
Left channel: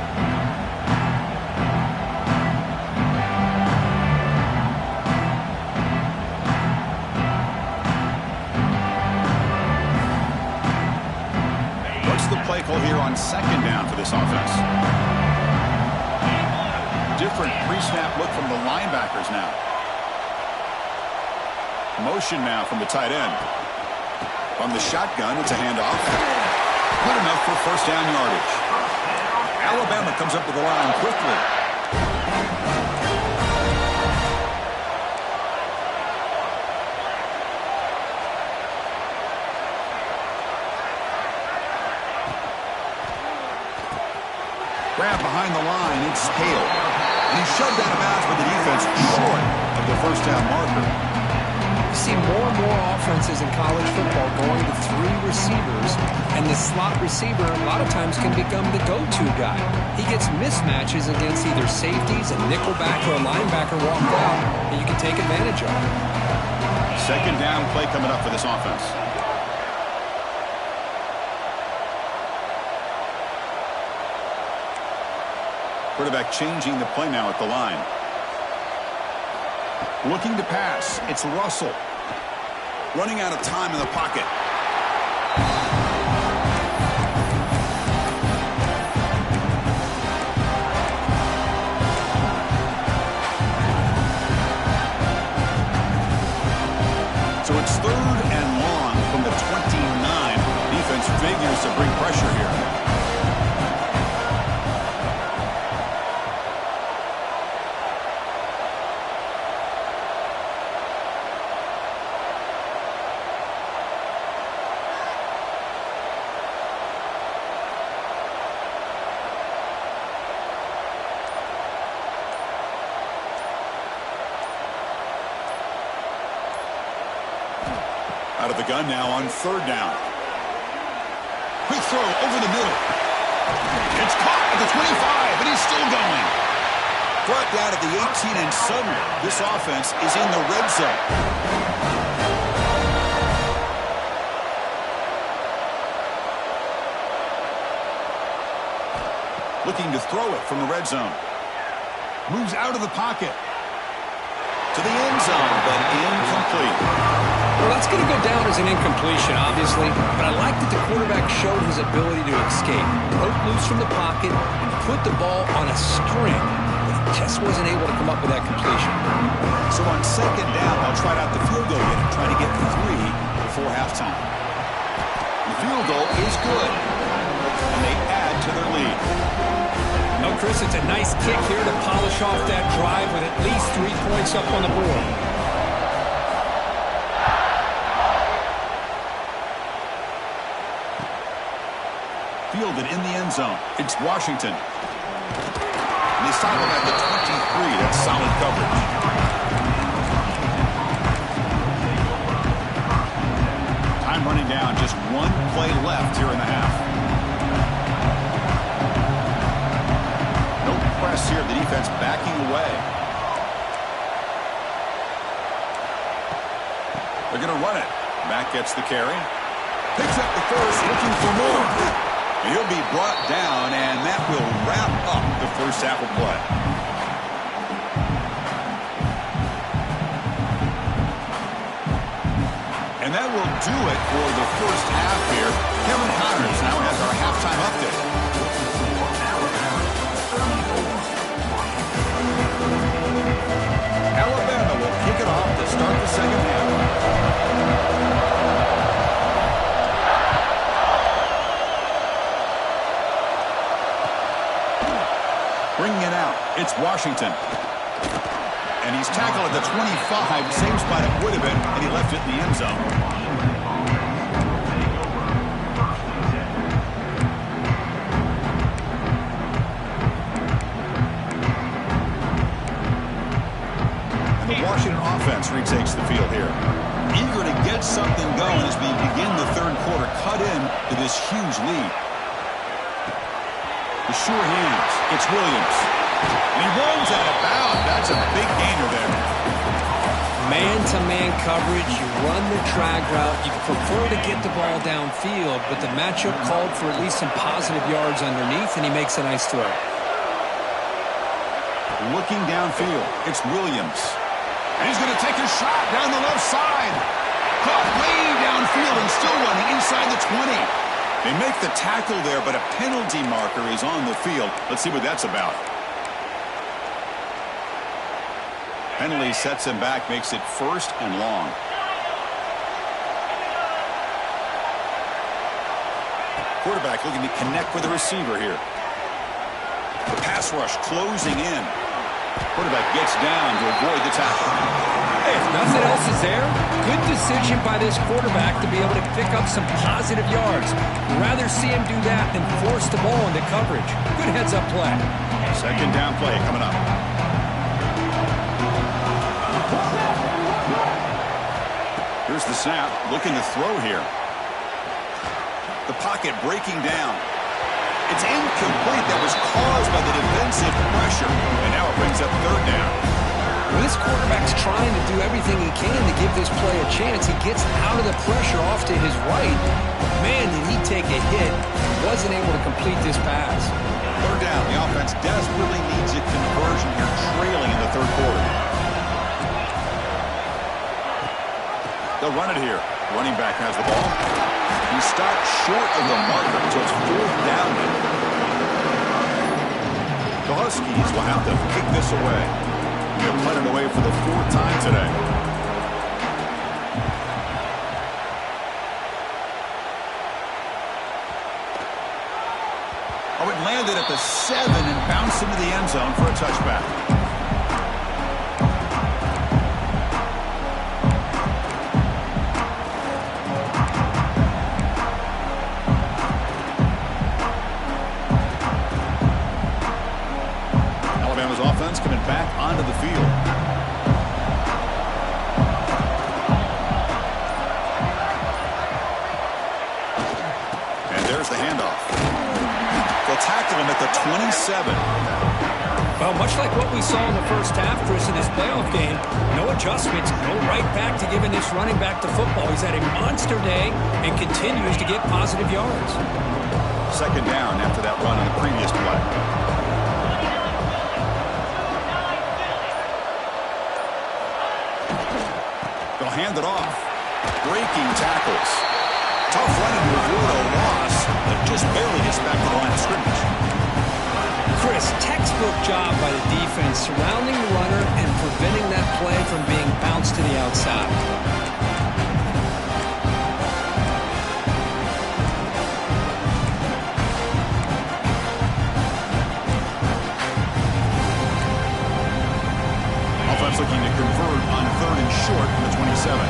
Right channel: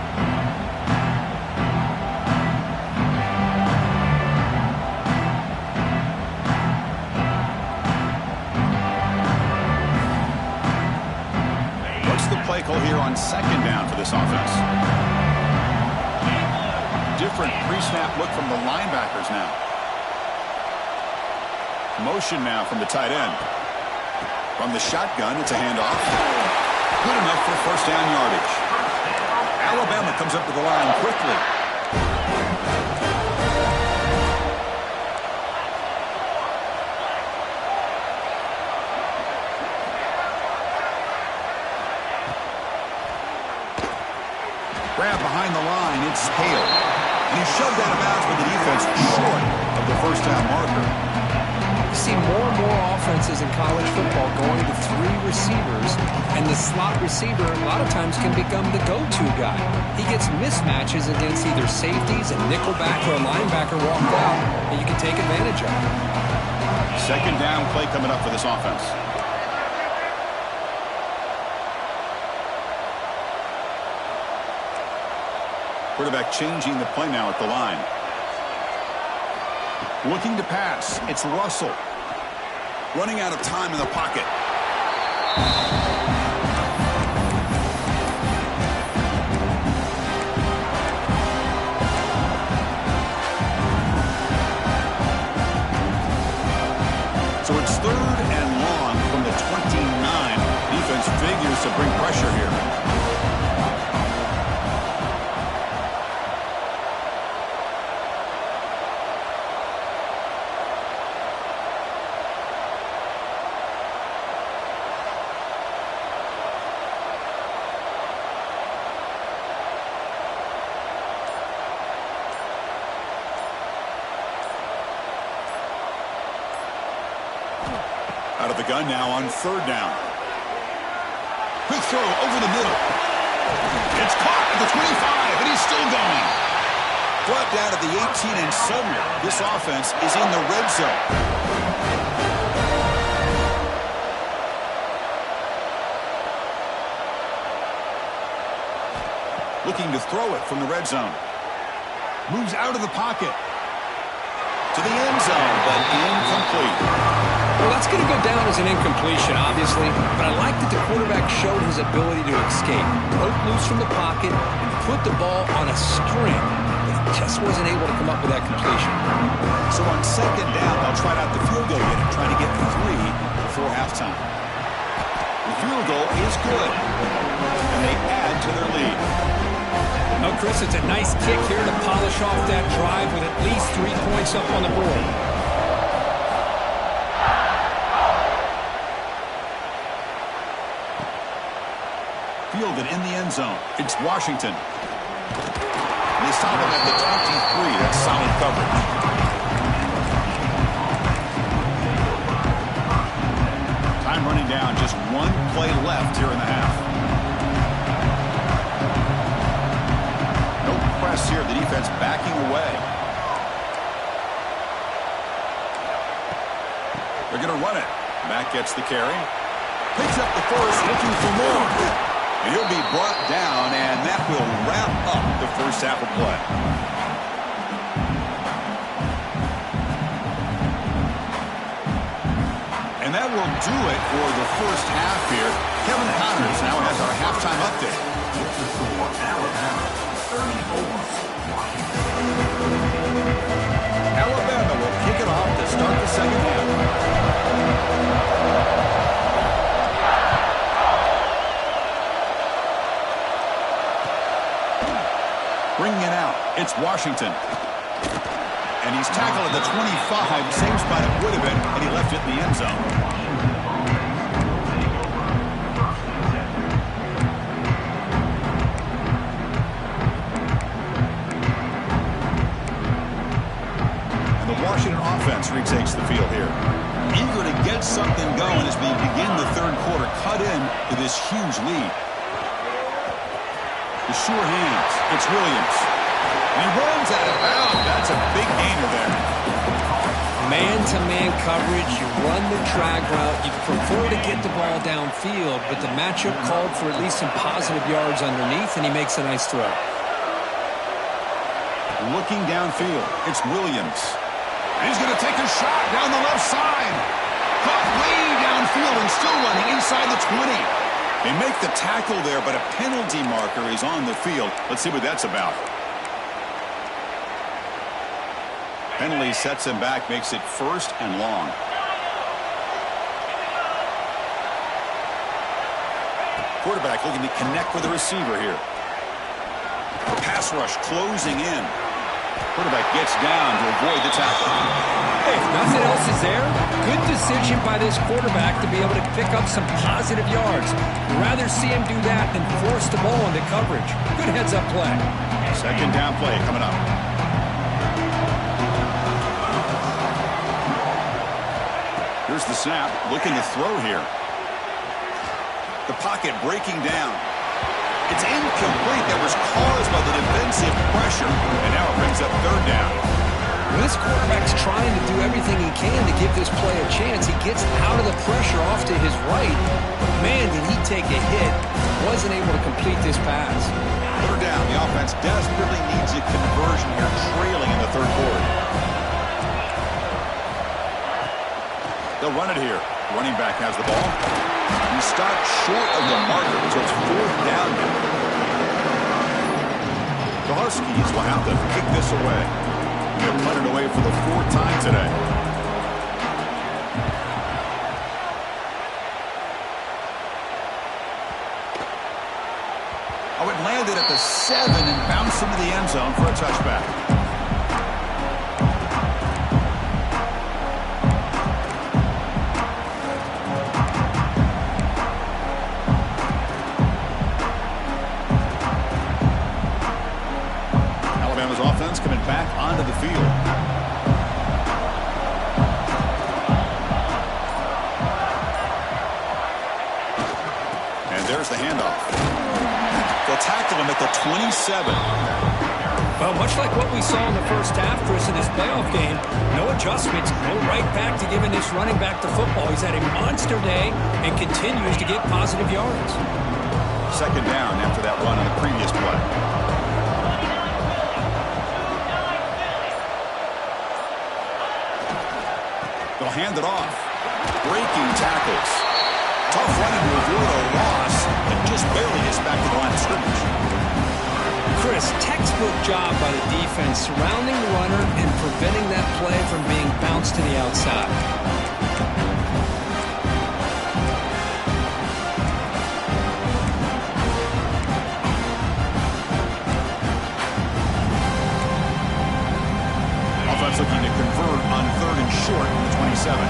What's the play call here on second down for this offense? Different pre-snap look from the linebackers now. Motion now from the tight end. From the shotgun, it's a handoff. Good enough for first down yardage. Alabama comes up to the line quickly. Grab behind the line, it's Hale. And he shoved out of bounds with the defense short of the first down marker. You see more and more offenses in college football going to 3 receivers, and the slot receiver a lot of times can become the go-to guy. He gets mismatches against either safeties, a nickelback, or a linebacker walked out, and you can take advantage of it. Second down play coming up for this offense. Quarterback changing the play now at the line. Looking to pass. It's Russell. Running out of time in the pocket. So it's third and long from the 29. Defense figures to bring pressure here. Out of the gun now on third down. Quick throw over the middle. It's caught at the 25, and he's still going. Brought down at the 18, and suddenly this offense is in the red zone. Looking to throw it from the red zone. Moves out of the pocket. To the end zone, but incomplete. Well, that's going to go down as an incompletion, obviously, but I like that the quarterback showed his ability to escape. Broke loose from the pocket and put the ball on a string, but he just wasn't able to come up with that completion. So on second down, they'll try out the field goal unit, trying to get 3 before halftime. The field goal is good, and they add to their lead. No, Chris, it's a nice kick here to polish off that drive with at least 3 points up on the board. Fielded in the end zone. It's Washington. And they stop him at the 23. That's solid coverage. Time running down. Just 1 play left here in the half. No press here. The defense backing away. They're going to run it. Back gets the carry. Picks up the first, looking for more. And he'll be brought down, and that will wrap up the first half of play. And that will do it for the first half here. Kevin Connors now has our halftime update. Alabama will kick it off to start the second half. Bringing it out, it's Washington. And he's tackled at the 25, same spot it would have been, and he left it in the end zone. field here. Eager to get something going as we begin the third quarter. Cut in to this huge lead. The sure hands. It's Williams. And he runs out of bounds. That's a big gainer there. Man-to-man coverage, you run the drag route. You prefer to get the ball downfield, but the matchup called for at least some positive yards underneath, and he makes a nice throw. Looking downfield, it's Williams. And he's going to take a shot down the left side. Caught way downfield and still running inside the 20. They make the tackle there, but a penalty marker is on the field. Let's see what that's about. Penalty sets him back, makes it 1st and long. Quarterback looking to connect with the receiver here. Pass rush closing in. Quarterback gets down to avoid the tackle. Hey, if nothing else is there, good decision by this quarterback to be able to pick up some positive yards. I'd rather see him do that than force the ball into coverage. Good heads-up play. 2nd down play coming up. Here's the snap, looking to throw here. The pocket breaking down. It's incomplete. That was caused by the defensive pressure. And now it brings up 3rd down. Well, this quarterback's trying to do everything he can to give this play a chance. He gets out of the pressure off to his right. But man, did he take a hit. Wasn't able to complete this pass. 3rd down. The offense desperately needs a conversion here, trailing in the 3rd quarter. They'll run it here. Running back has the ball. He stopped short of the marker, so it's 4th down now. The Huskies will have to kick this away. They're punted away for the 4th time today. Oh, it landed at the 7 and bounced into the end zone for a touchback. Coming back onto the field. And there's the handoff. They'll tackle him at the 27. Well, much like what we saw in the first half, Chris, in this playoff game, no adjustments, go right back to giving this running back the football. He's had a monster day and continues to get positive yards. 2nd down after that run on the previous play. They'll hand it off. Breaking tackles. Tough running to avoid a loss, but just barely gets back to the line of scrimmage. Chris, textbook job by the defense surrounding the runner and preventing that play from being bounced to the outside. Offense looking to convert on 3rd and short from the 27.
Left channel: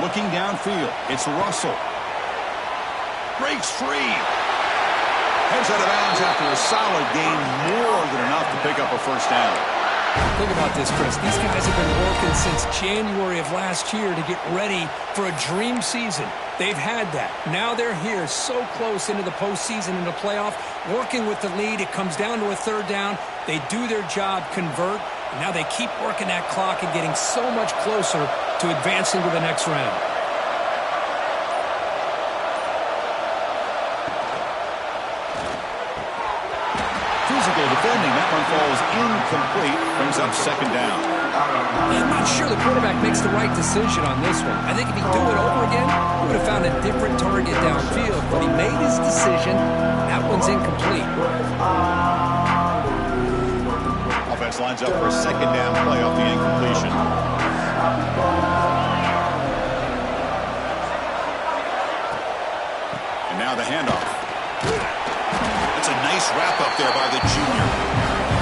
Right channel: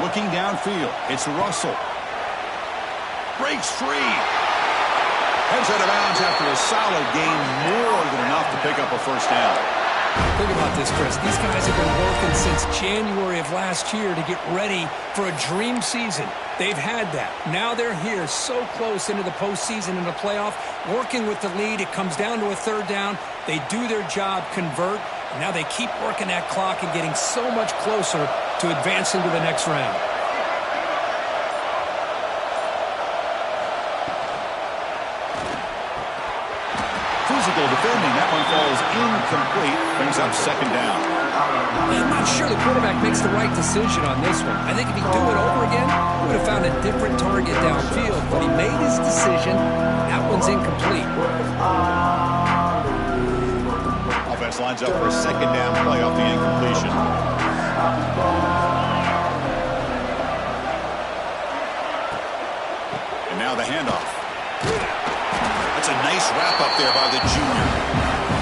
Looking downfield, it's Russell. Breaks free. Heads out of bounds after a solid gain, more than enough to pick up a 1st down. Think about this, Chris. These guys have been working since January of last year to get ready for a dream season. They've had that. Now they're here so close into the postseason and the playoff, working with the lead. It comes down to a 3rd down. They do their job, convert, and now they keep working that clock and getting so much closer to advancing to the next round. Physical defending. That one falls incomplete. Brings up 2nd down. I'm not sure the quarterback makes the right decision on this one. I think if he'd do it over again, he would have found a different target downfield. But he made his decision. That one's incomplete. Offense lines up for a 2nd down play off the incompletion. And now the handoff. That's a nice wrap-up there by the junior.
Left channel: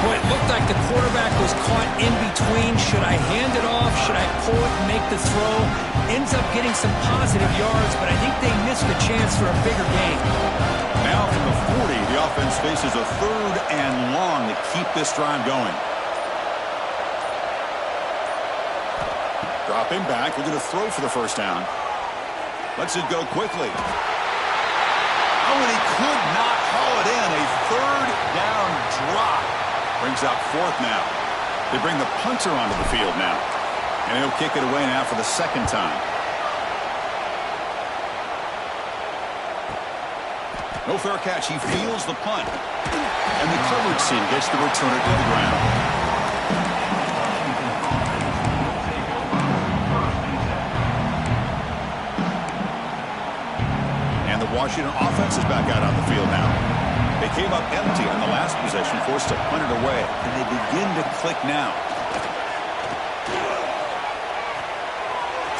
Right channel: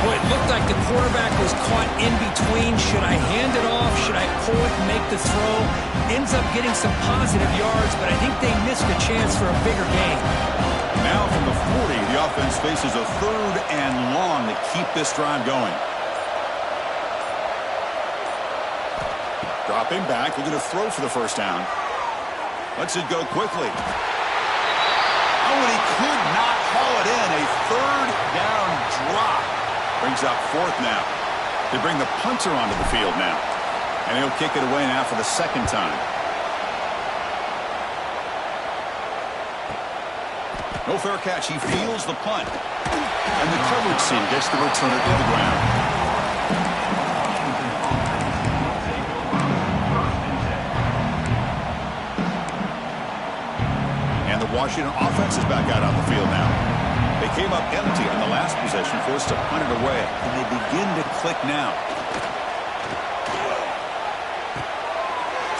Boy, it looked like the quarterback was caught in between. Should I hand it off? Should I pull it and make the throw? Ends up getting some positive yards, but I think they missed a chance for a bigger gain. Now from the 40, the offense faces a 3rd and long to keep this drive going. Dropping back, looking to throw for the first down. Lets it go quickly. Oh, and he could not haul it in. A third down drop. Brings up fourth now. They bring the punter onto the field now. And he'll kick it away now for the second time. No fair catch. He fields the punt. And the coverage team gets the returner to the ground. And the Washington offense is back out on the field now. They came up empty on the last possession, forced to punt it away. And they begin to click now.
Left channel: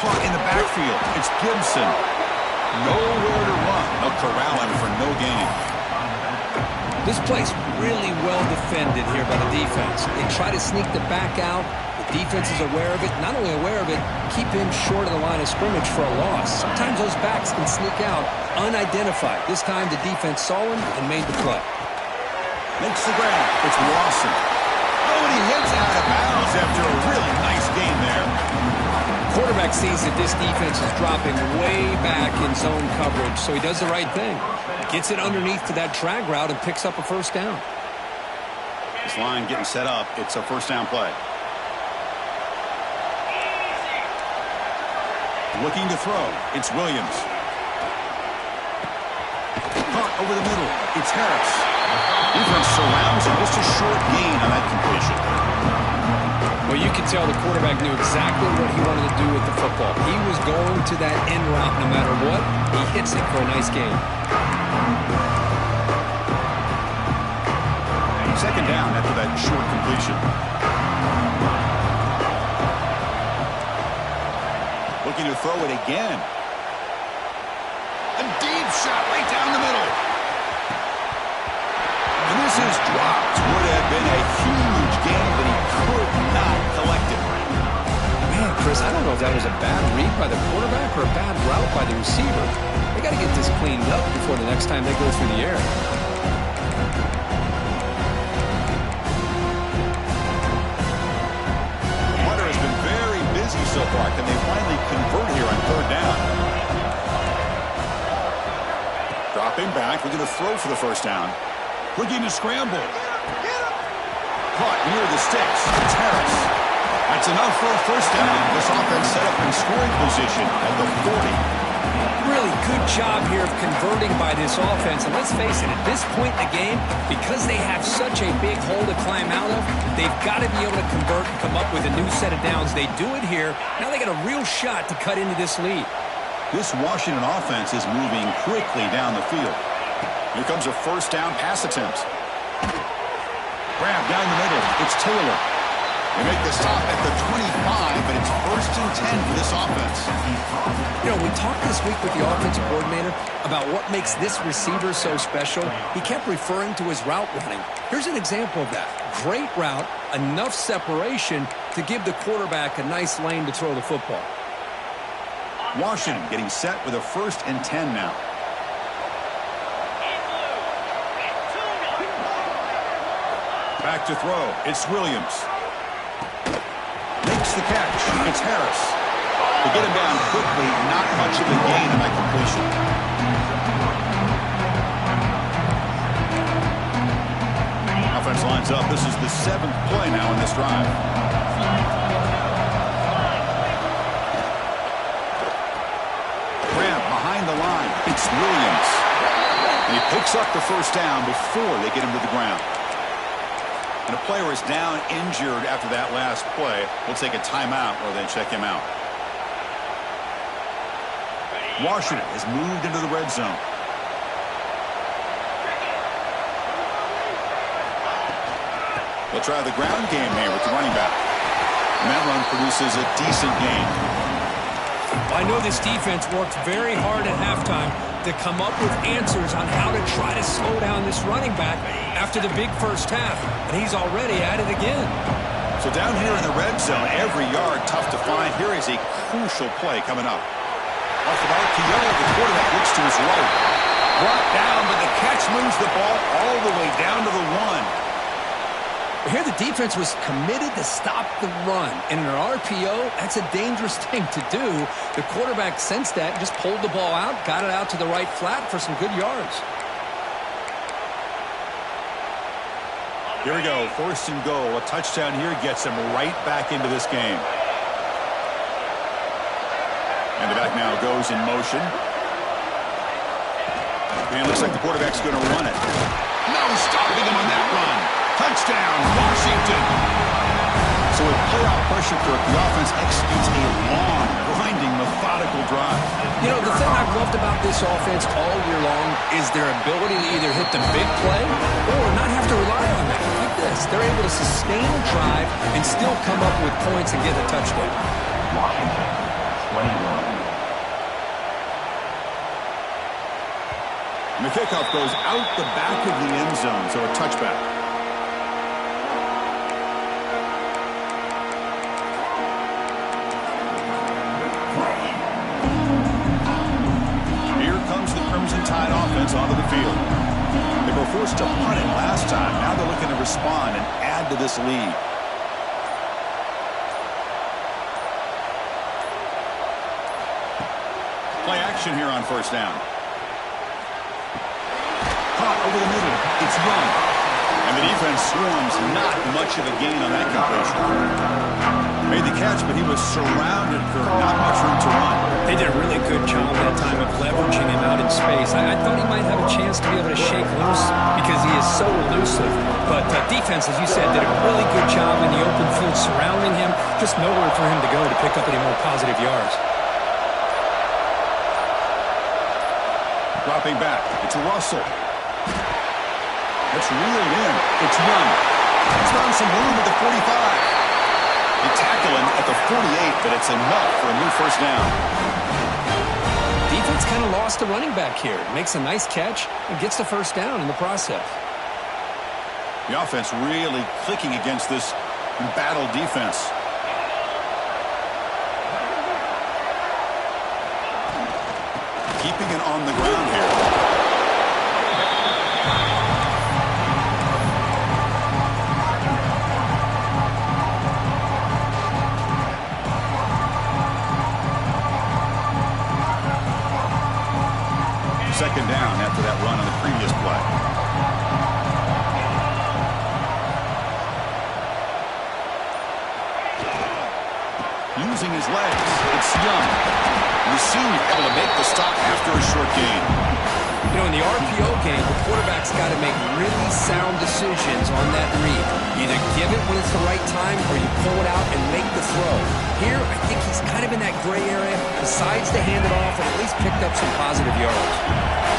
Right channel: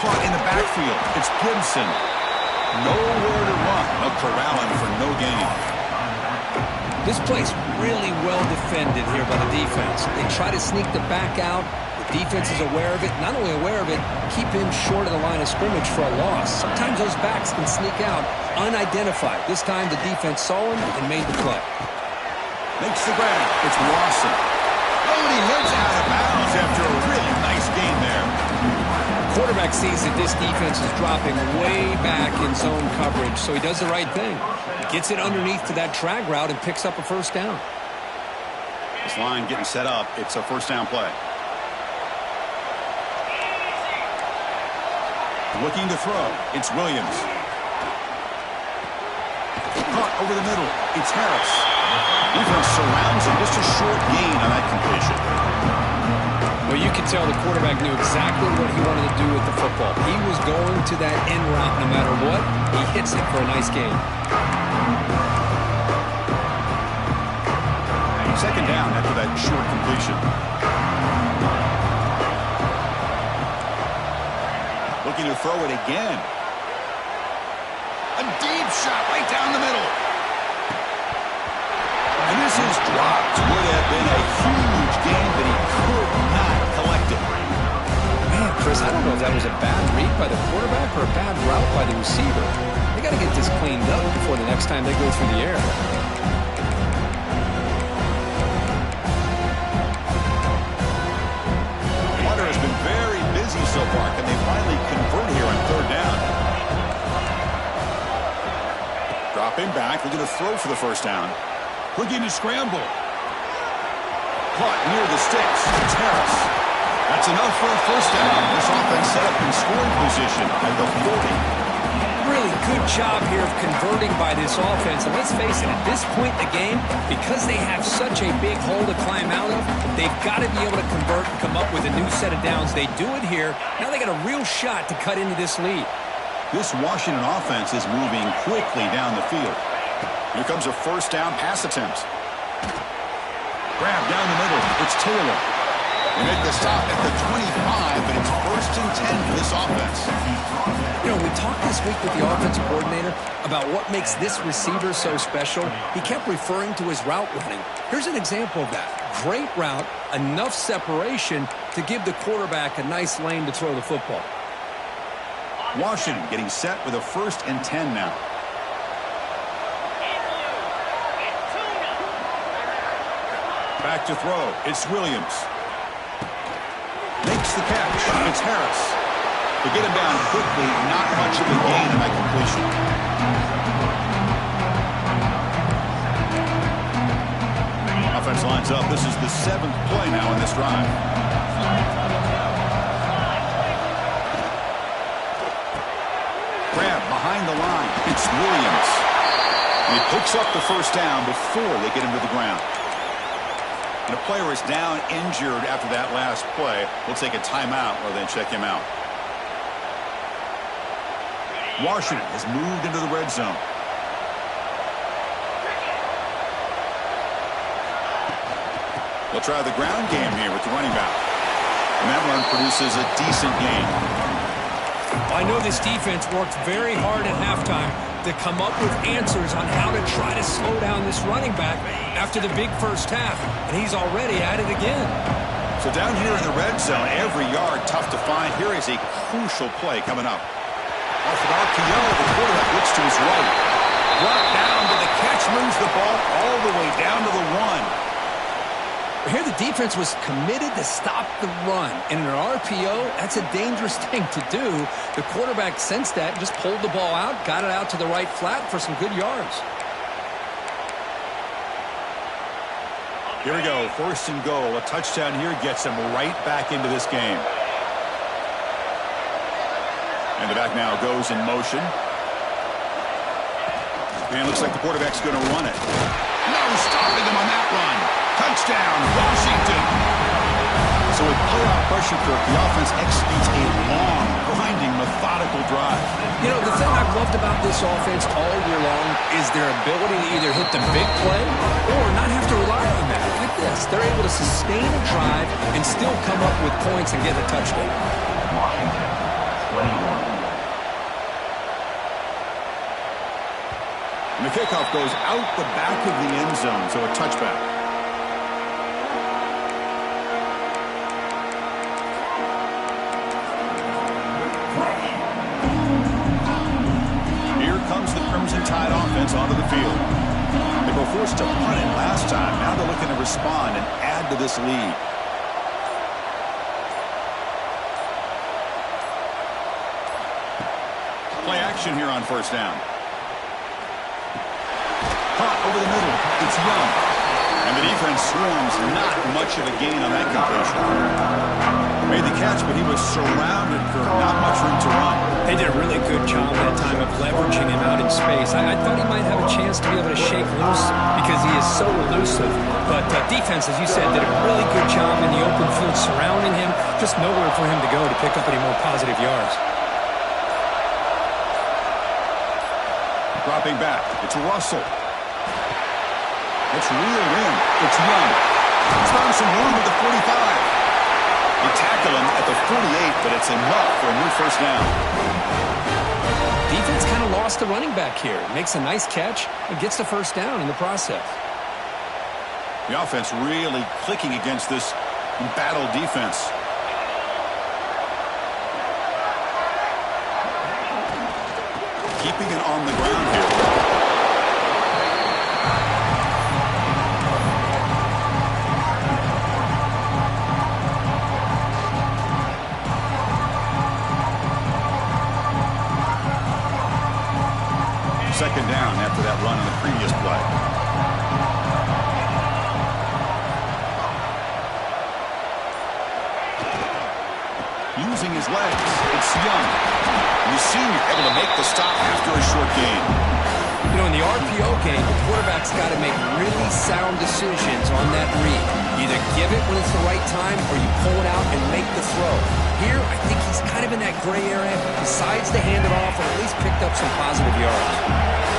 Caught in the backfield. It's Gibson. Nowhere to run. They'll corral him for no gain. This play's really well defended here by the defense. They try to sneak the back out. The defense is aware of it. Not only aware of it, keep him short of the line of scrimmage for a loss. Sometimes those backs can sneak out unidentified. This time the defense saw him and made the play. Makes the grab. It's Lawson. Oh, and he heads out of bounds after a really nice gain there. Quarterback sees that this defense is dropping way back in zone coverage, so he does the right thing. Gets it underneath to that drag route and picks up a first down. This line getting set up. It's a first down play. Looking to throw. It's Williams. Caught over the middle. It's Harris. Defense surrounds him. Just a short gain on that completion. Well, you can tell the quarterback knew exactly what he wanted to do with the football. He was going to that end route no matter what. He hits it for a nice gain. Second down after that short completion. Looking to throw it again. A deep shot right down the middle. And this is dropped. Would have been a huge gain, but he could not collect it. Man, Chris, I don't know if that was a bad read by the quarterback or a bad route by the receiver. They got to get this cleaned up before the next time they go through the air. Hunter has been very busy so far. Can they finally convert here on third down? Dropping back, looking to throw for the first down. Looking to scramble. Caught near the sticks. It's Harris. That's enough for a first down. This offense set up in scoring position at the 40. Really good job here of converting by this offense. And let's face it, at this point in the game, because they have such a big hole to climb out of, they've got to be able to convert and come up with a new set of downs. They do it here. Now they got a real shot to cut into this lead. This Washington offense is moving quickly down the field. Here comes a first down pass attempt. Grab down the middle. It's Taylor. They make the stop at the 25, but it's 1st and 10 for this offense. You know, we talked this week with the offensive coordinator about what makes this receiver so special. He kept referring to his route running. Here's an example of that. Great route, enough separation to give the quarterback a nice lane to throw the football. Washington getting set with a 1st and 10 now. Back to throw. It's Williams. Makes the catch. It's Harris. To get him down quickly, not much of a gain on that completion. Offense lines up. This is the 7th play now in this drive. Grab behind the line. It's Williams. And he picks up the first down before they get him to the ground. And a player is down injured after that last play. We'll take a timeout or then check him out. Washington has moved into the red zone. They'll try the ground game here with the running back. And that run produces a decent gain. I know this defense worked very hard at halftime to come up with answers on how to try to slow down this running back after the big first half, and he's already at it again. So down here in the red zone, every yard tough to find. Here is a crucial play coming up. Off an RPO, the quarterback looks to his right. Brought down, but the catch moves the ball all the way down to the 1. Here the defense was committed to stop the run. And in an RPO, that's a dangerous thing to do. The quarterback sensed that and just pulled the ball out, got it out to the right flat for some good yards. Here we go, 1st and goal. A touchdown here gets him right back into this game. And the back now goes in motion. And it looks like the quarterback's going to run it. No stopping him on that run. Touchdown, Washington. So with playoff pressure, Kirk, the offense executes a long, grinding, methodical drive. You know, the thing I've loved about this offense all year long is their ability to either hit the big play or not have to rely on that. Like this, they're able to sustain a drive and still come up with points and get a touchdown. Washington, 21. And the kickoff goes out the back of the end zone, so a touchback. Here comes the Crimson Tide offense onto the field. They were forced to punt it last time. Now they're looking to respond and add to this lead. Play action here on 1st down. Caught over the middle. It's Young. And the defense swarms. Not much of a gain on that completion. Made the catch, but he was surrounded, Kirk. Not much room to run. They did a really good job that time of leveraging him out in space. I thought he might have a chance to be able to shake loose because he is so elusive. But defense, as you said, did a really good job in the open field surrounding him. Just nowhere for him to go to pick up any more positive yards. Dropping back. It's Russell. It's reeled in. It's Young. He's found some room at the 45. They tackle him at the 48, but it's enough for a new 1st down. Defense kind of lost the running back here. Makes a nice catch and gets the 1st down in the process. The offense really clicking against this embattled defense. Keeping it on the ground here. Second down after that run on the previous play. Using his legs, it's Young. You see him able to make the stop after a short gain. You know, in the RPO game, the quarterback's got to make really sound decisions on that read. Either give it when it's the right time or you pull it out and make the throw. Here, I think he's kind of in that gray area, decides to hand it off and at least picked up some positive yards.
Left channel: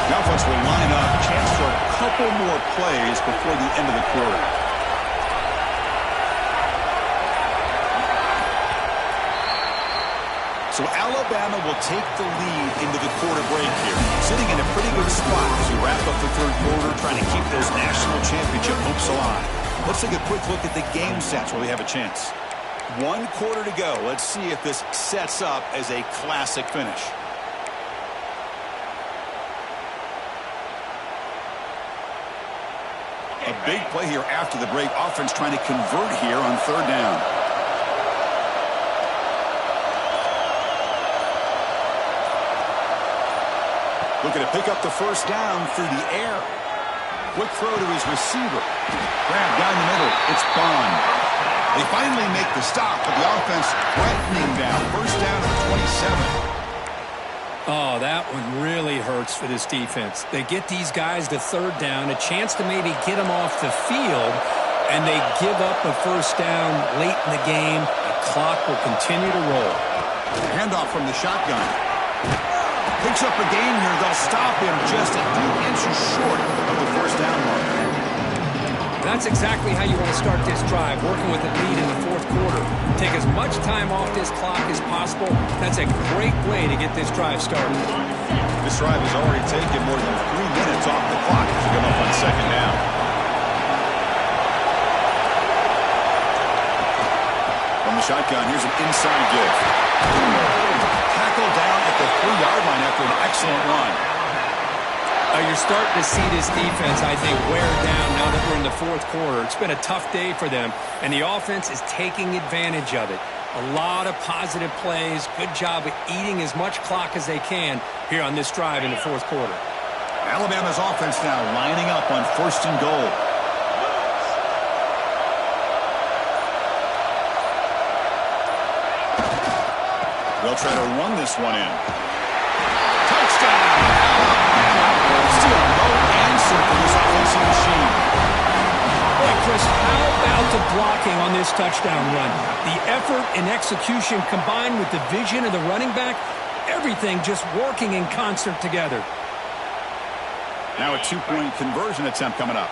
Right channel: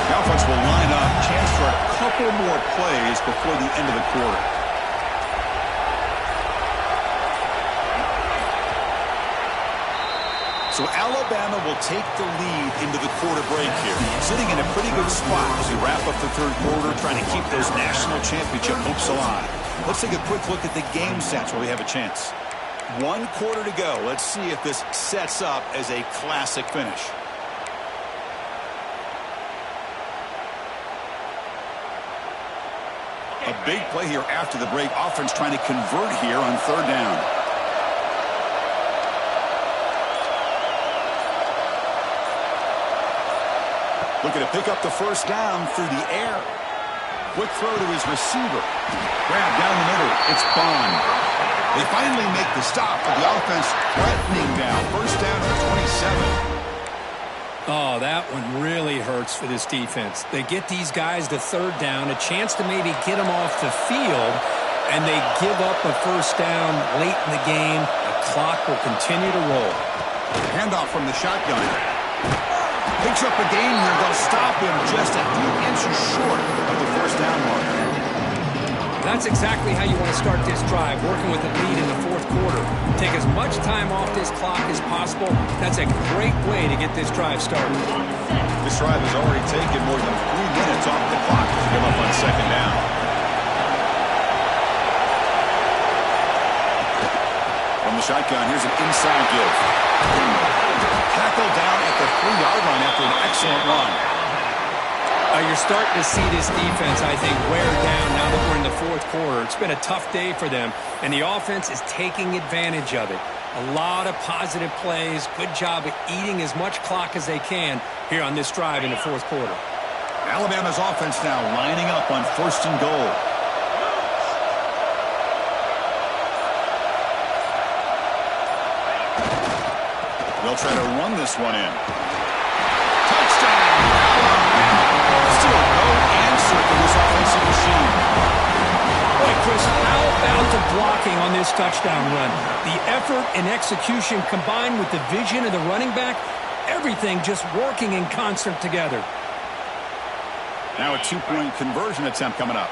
The offense will line up, chance for a couple more plays before the end of the quarter. So Alabama will take the lead into the quarter break here, sitting in a pretty good spot as we wrap up the 3rd quarter, trying to keep those national championship hopes alive. Let's take a quick look at the game stats while we have a chance. 1 quarter to go. Let's see if this sets up as a classic finish. A big play here after the break. Offense trying to convert here on 3rd down. Looking to pick up the 1st down through the air. Quick throw to his receiver. Grab down the middle. It's Bond. They finally make the stop, but the offense threatening down. 1st down to the 27. Oh, that one really hurts for this defense. They get these guys to 3rd down, a chance to maybe get them off the field, and they give up a 1st down late in the game. The clock will continue to roll. Handoff from the shotgun. Picks up a gain here. They'll stop him just a few inches short of the 1st down mark. That's exactly how you want to start this drive, working with a lead in the 4th quarter. Take as much time off this clock as possible. That's a great way to get this drive started. This drive has already taken more than 3 minutes off the clock as we come up on 2nd down. From the shotgun, here's an inside give. Tackled down at the 3-yard line after an excellent run. You're starting to see this defense, I think, wear down now that we're in the fourth quarter. It's been a tough day for them, and the offense is taking advantage of it. A lot of positive plays. Good job of eating as much clock as they can here on this drive in the fourth quarter. Alabama's offense now lining up on 1st and goal. They'll try to run this one in. Touchdown, Alabama. Still no answer for this offensive machine. Boy, Chris, how about the blocking on this touchdown run? The effort and execution combined with the vision of the running back, everything just working in concert together. Now a 2-point conversion attempt coming up.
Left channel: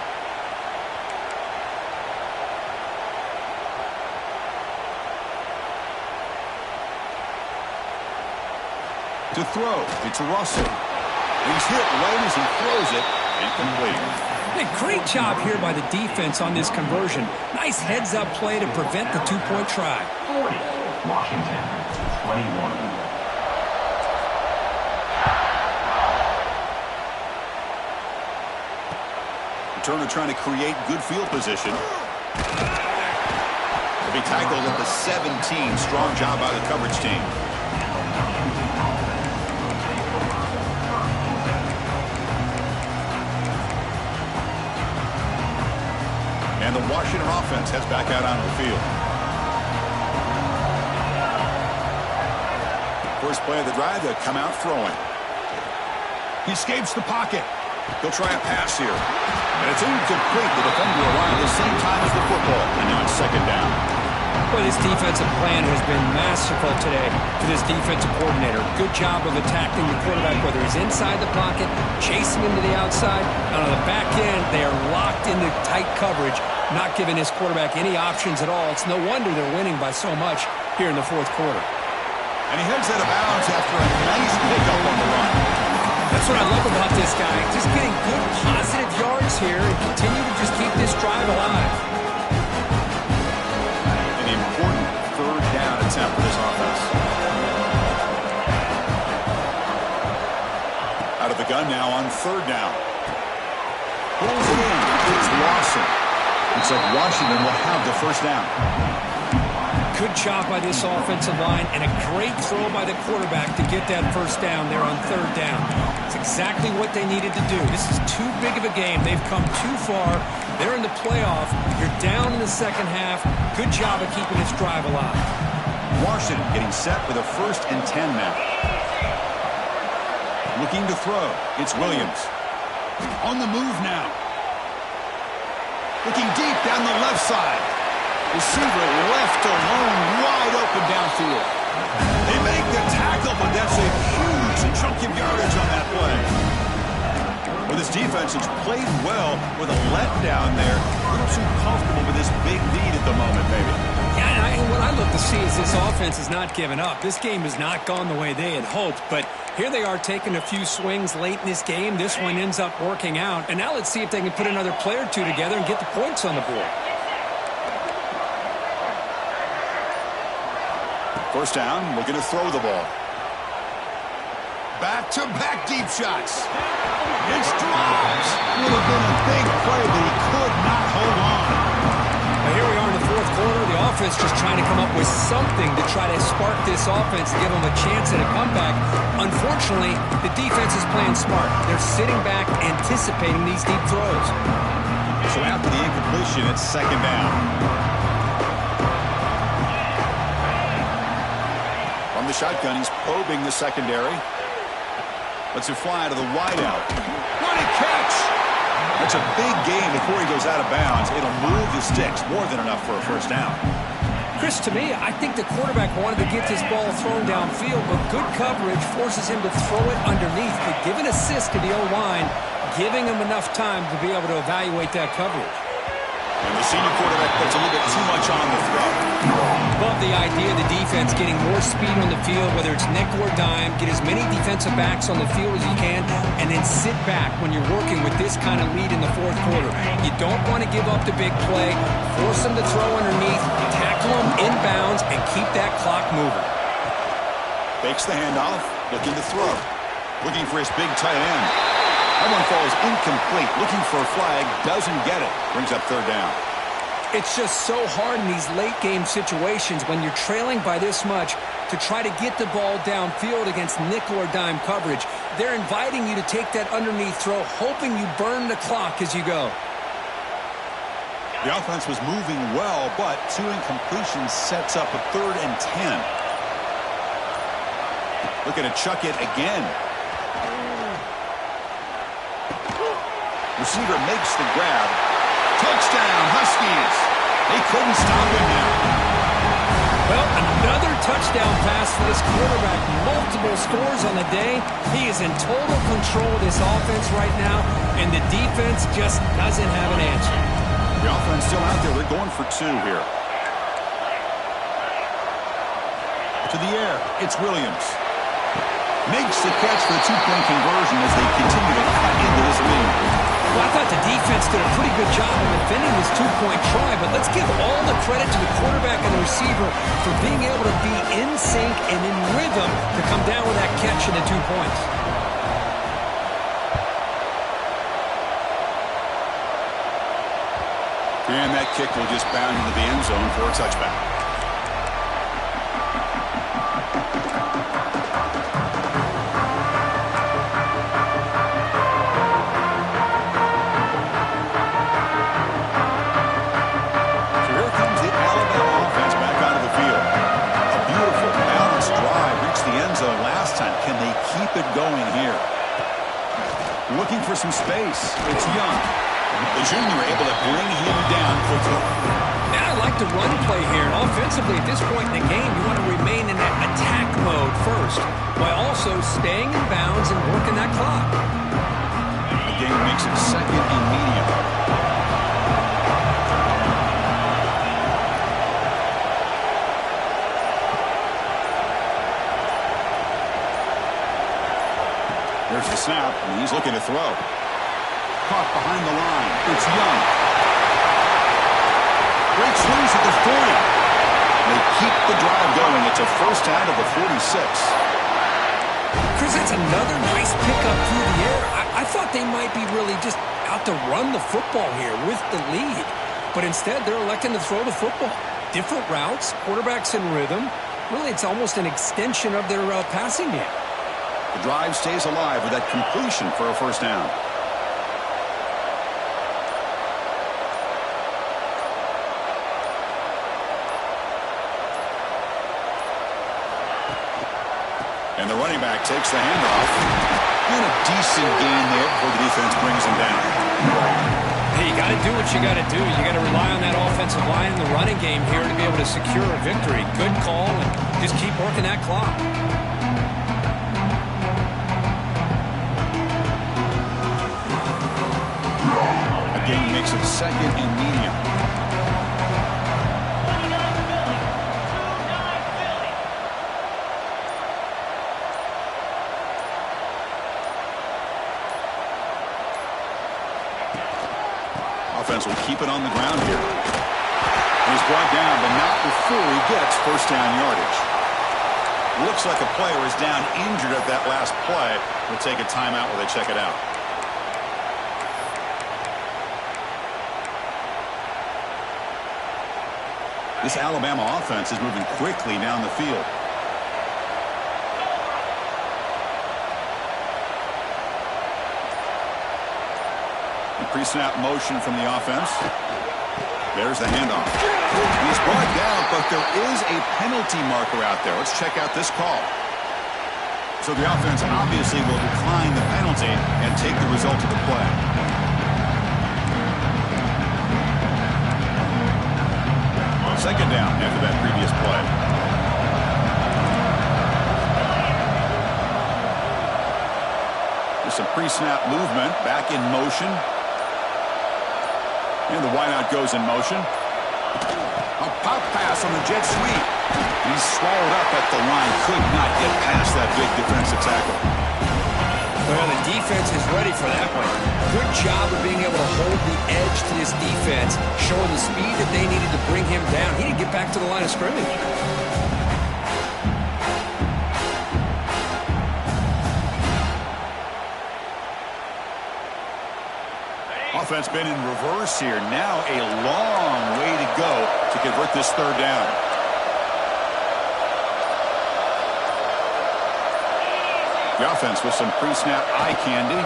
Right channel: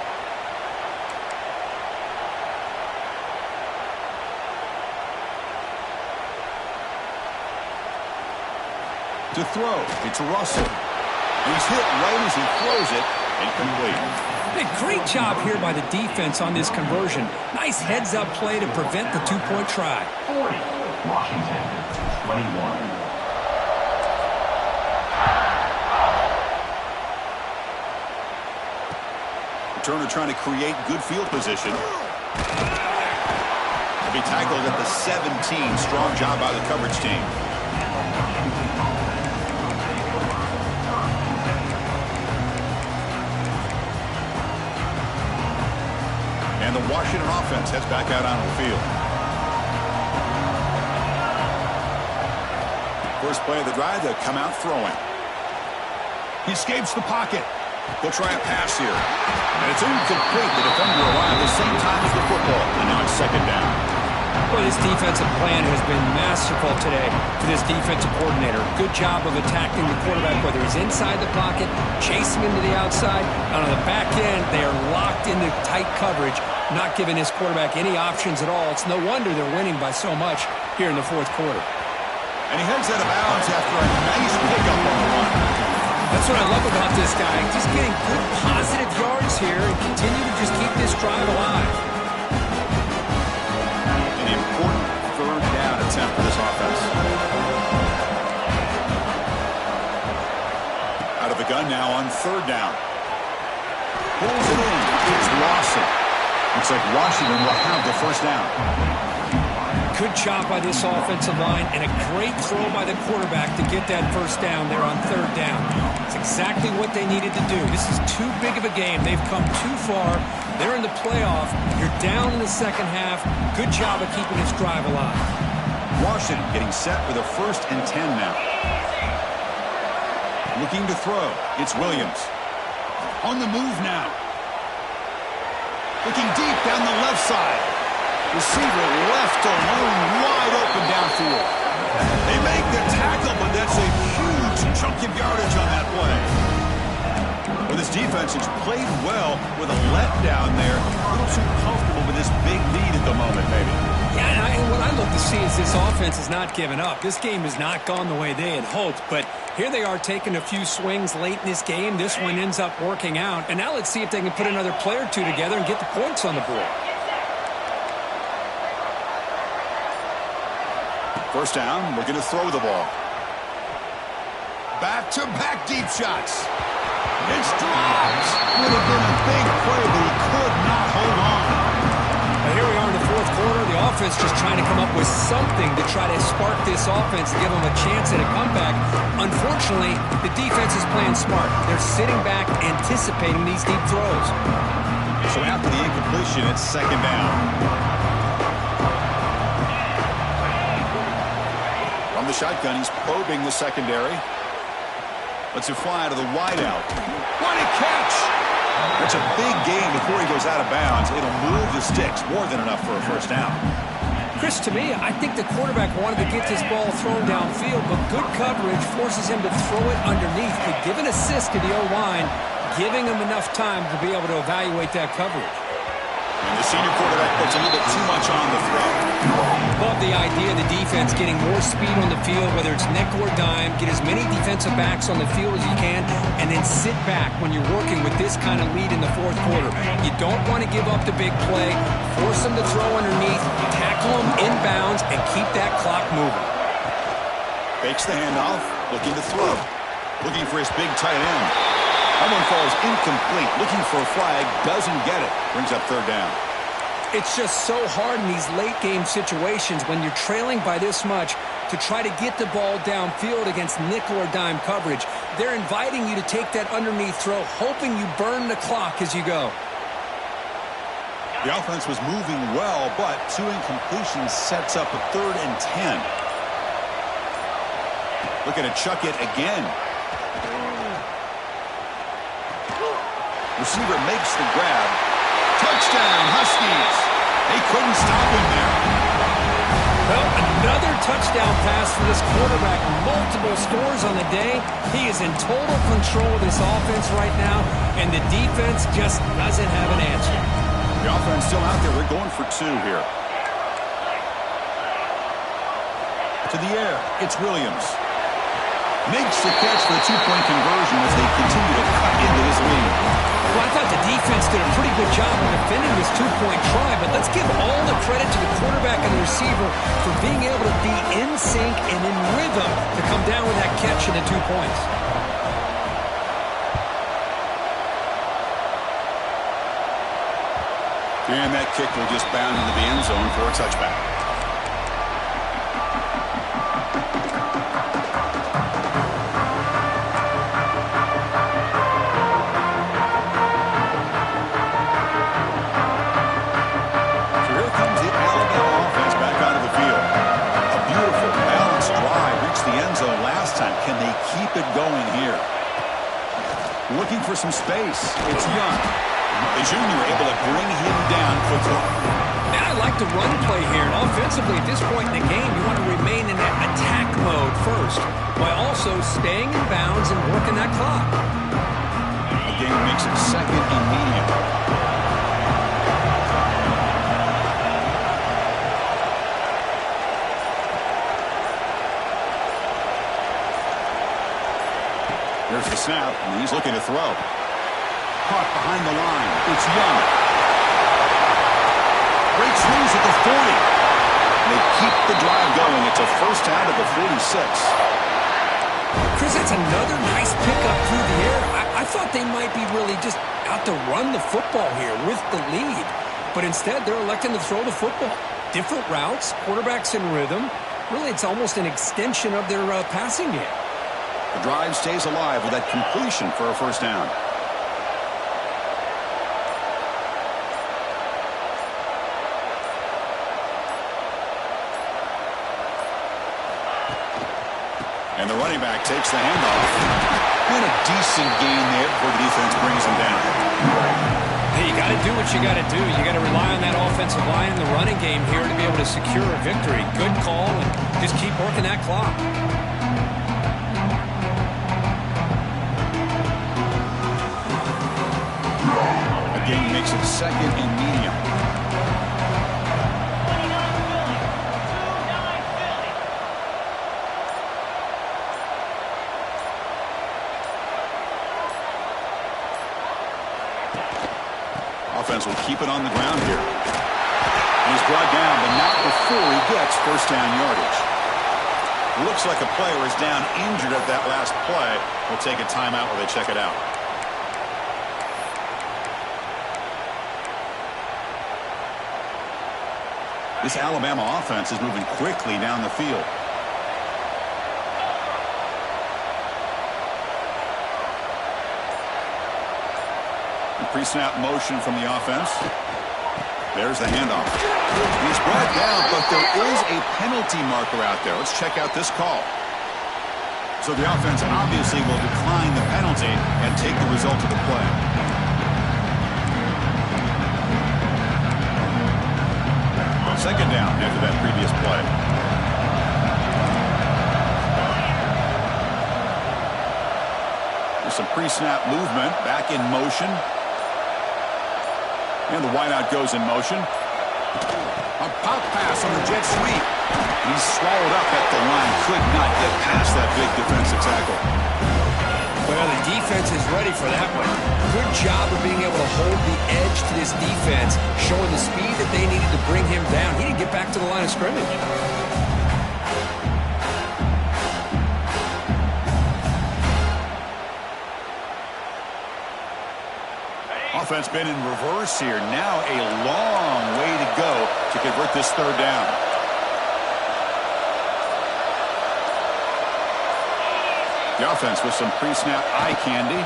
To throw, it's Russell. He's hit right as he throws it, incomplete. Hey, great job here by the defense on this conversion. Nice heads-up play to prevent the 2-point try. 40, Washington, 21. Returner trying to create good field position. He'll be tackled at the 17. Strong job by the coverage team. And the Washington offense heads back out onto the field. First play of the drive, they'll come out throwing. He escapes the pocket. He'll try a pass here. And it's incomplete. The defender arrived at the same time as the football. And now it's 2nd down. Boy, this defensive plan has been masterful today for this defensive coordinator. Good job of attacking the quarterback, whether he's inside the pocket, chasing him to the outside. And on the back end, they are locked into tight coverage, not giving his quarterback any options at all. It's no wonder they're winning by so much here in the fourth quarter. And he heads out of bounds after a nice pickup on the run. That's what I love about this guy. Just getting good positive yards here and continue to just keep this drive alive. An important 3rd down attempt for this offense. Out of the gun now on 3rd down. Pulls it in. It's Lawson. Looks like Washington will have the 1st down. Good job by this offensive line and a great throw by the quarterback to get that 1st down there on 3rd down. It's exactly what they needed to do. This is too big of a game. They've come too far. They're in the playoff. You're down in the second half. Good job of keeping this drive alive. Washington getting set with a 1st and 10 now. Looking to throw. It's Williams. On the move now. Looking deep down the left side. Receiver left alone, wide open downfield. They make the tackle, but that's a huge chunk of yardage on that play. Well, this defense has played well with a letdown there. A little too comfortable with this big lead at the moment, maybe. Yeah, and what I look to see is this offense is not giving up. This game has not gone the way they had hoped, but here they are taking a few swings late in this game. This one ends up working out, and now let's see if they can put another play or two together and get the points on the board. 1st down, looking to throw the ball. Back-to-back deep shots. It's dropped. Would have been a big play, but he could not hold on. Now here we are in the fourth quarter. The offense just trying to come up with something to try to spark this offense and give them a chance at a comeback. Unfortunately, the defense is playing smart. They're sitting back, anticipating these deep throws. So after the incompletion, it's 2nd down. From the shotgun, he's probing the secondary. Lets it fly to the wideout. What a catch! That's a big gain before he goes out of bounds. It'll move the sticks, more than enough for a 1st down. Chris, to me, I think the quarterback wanted to get this ball thrown downfield, but good coverage forces him to throw it underneath. They give an assist to the O-line, giving him enough time to be able to evaluate that coverage. And the senior quarterback puts a little bit too much on the throw. Love the idea of the defense getting more speed on the field, whether it's nickel or dime, get as many defensive backs on the field as you can, and then sit back when you're working with this kind of lead in the fourth quarter. You don't want to give up the big play, force them to throw underneath, tackle them inbounds, and keep that clock moving. Fakes the handoff, looking to throw. Looking for his big tight end. That one falls incomplete. Looking for a flag, doesn't get it. Brings up third down. It's just so hard in these late-game situations when you're trailing by this much to try to get the ball downfield against nickel or dime coverage. They're inviting you to take that underneath throw, hoping you burn the clock as you go. The offense was moving well, but 2 incompletions sets up a 3rd and 10. Looking to chuck it again. Receiver makes the grab. Touchdown, Huskies. They couldn't stop him there. Well, another touchdown pass for this quarterback. Multiple scores on the day. He is in total control of this offense right now, and the defense just doesn't have an answer. The offense still out there. They're going for 2 here. To the air, it's Williams. Makes the catch for the 2-point conversion as they continue to cut into this lead. Well, I thought the defense did a pretty good job of defending this 2-point try, but let's give all the credit to the quarterback and the receiver for being able to be in sync and in rhythm to come down with that catch and the 2 points. And that kick will just bound into the end zone for a touchback. Can they keep it going here? Looking for some space. It's Young. The junior able to bring him down quickly. And I like the run play here. And offensively, at this point in the game, you want to remain in that attack mode first, while also staying in bounds and working that clock. The game makes it 2nd and medium. There's the snap, and he's looking to throw. Caught behind the line. It's Young. Breaks loose at the 40. They keep the drive going. It's a first down to the 46. Chris, that's another nice pickup through the air. I thought they might be really just out to run the football here with the lead. But instead, they're electing to throw the football. Different routes, quarterbacks in rhythm. Really, it's almost an extension of their passing game. The drive stays alive with that completion for a first down. And the running back takes the handoff. And a decent gain there before the defense brings him down. Hey, you got to do what you got to do. You got to rely on that offensive line in the running game here to be able to secure a victory. Good call, and just keep working that clock. Game makes it 2nd and medium. Offense will keep it on the ground here. And he's brought down, but not before he gets first down yardage. Looks like a player is down injured at that last play. We'll take a timeout while they check it out. This Alabama offense is moving quickly down the field. The pre-snap motion from the offense. There's the handoff. He's brought down, but there is a penalty marker out there. Let's check out this call. So the offense obviously will decline the penalty and take the result of the play. Second down after that previous play. There's some pre-snap movement. Back in motion. And the wideout goes in motion. A pop pass on the jet sweep. He's swallowed up at the line. Could not get past that big defensive tackle. Well, the defense is ready for that one. Good job of being able to hold the edge to this defense, showing the speed that they needed to bring him down. He didn't get back to the line of scrimmage. Offense been in reverse here. Now a long way to go to convert this third down. The offense with some pre-snap eye candy.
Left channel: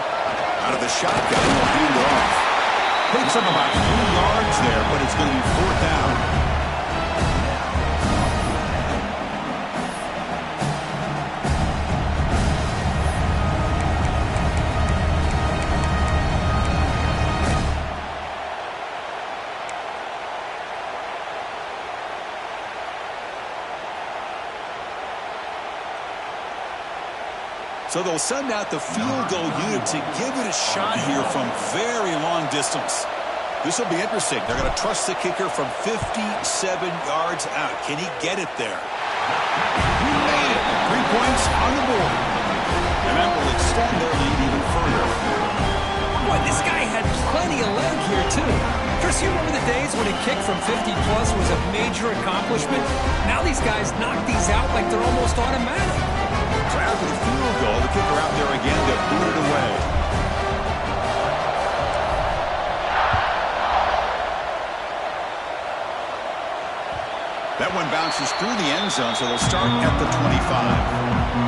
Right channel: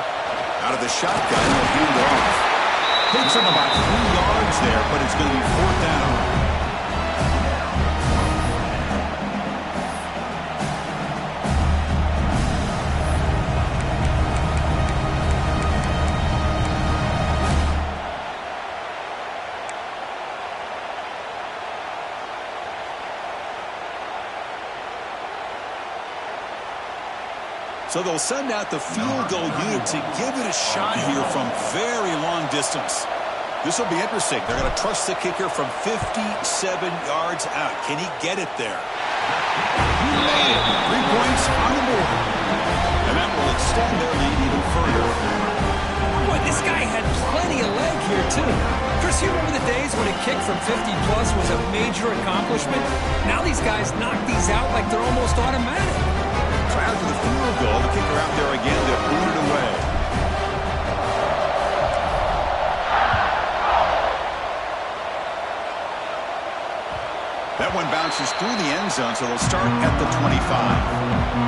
Out of the shotgun, they'll hand it off. Picks up about 3 yards there, but it's going to be 4th down. So they'll send out the field goal unit to give it a shot here from very long distance. This will be interesting. They're going to trust the kicker from 57 yards out. Can he get it there? He made it. 3 points on the board. And that will extend their lead even further. Boy, this guy had plenty of leg here, too. Chris, you remember the days when a kick from 50-plus was a major accomplishment? Now these guys knock these out like they're almost automatic. So after the field goal, the kicker out there again to boot it away. That one bounces through the end zone, so they'll start at the 25.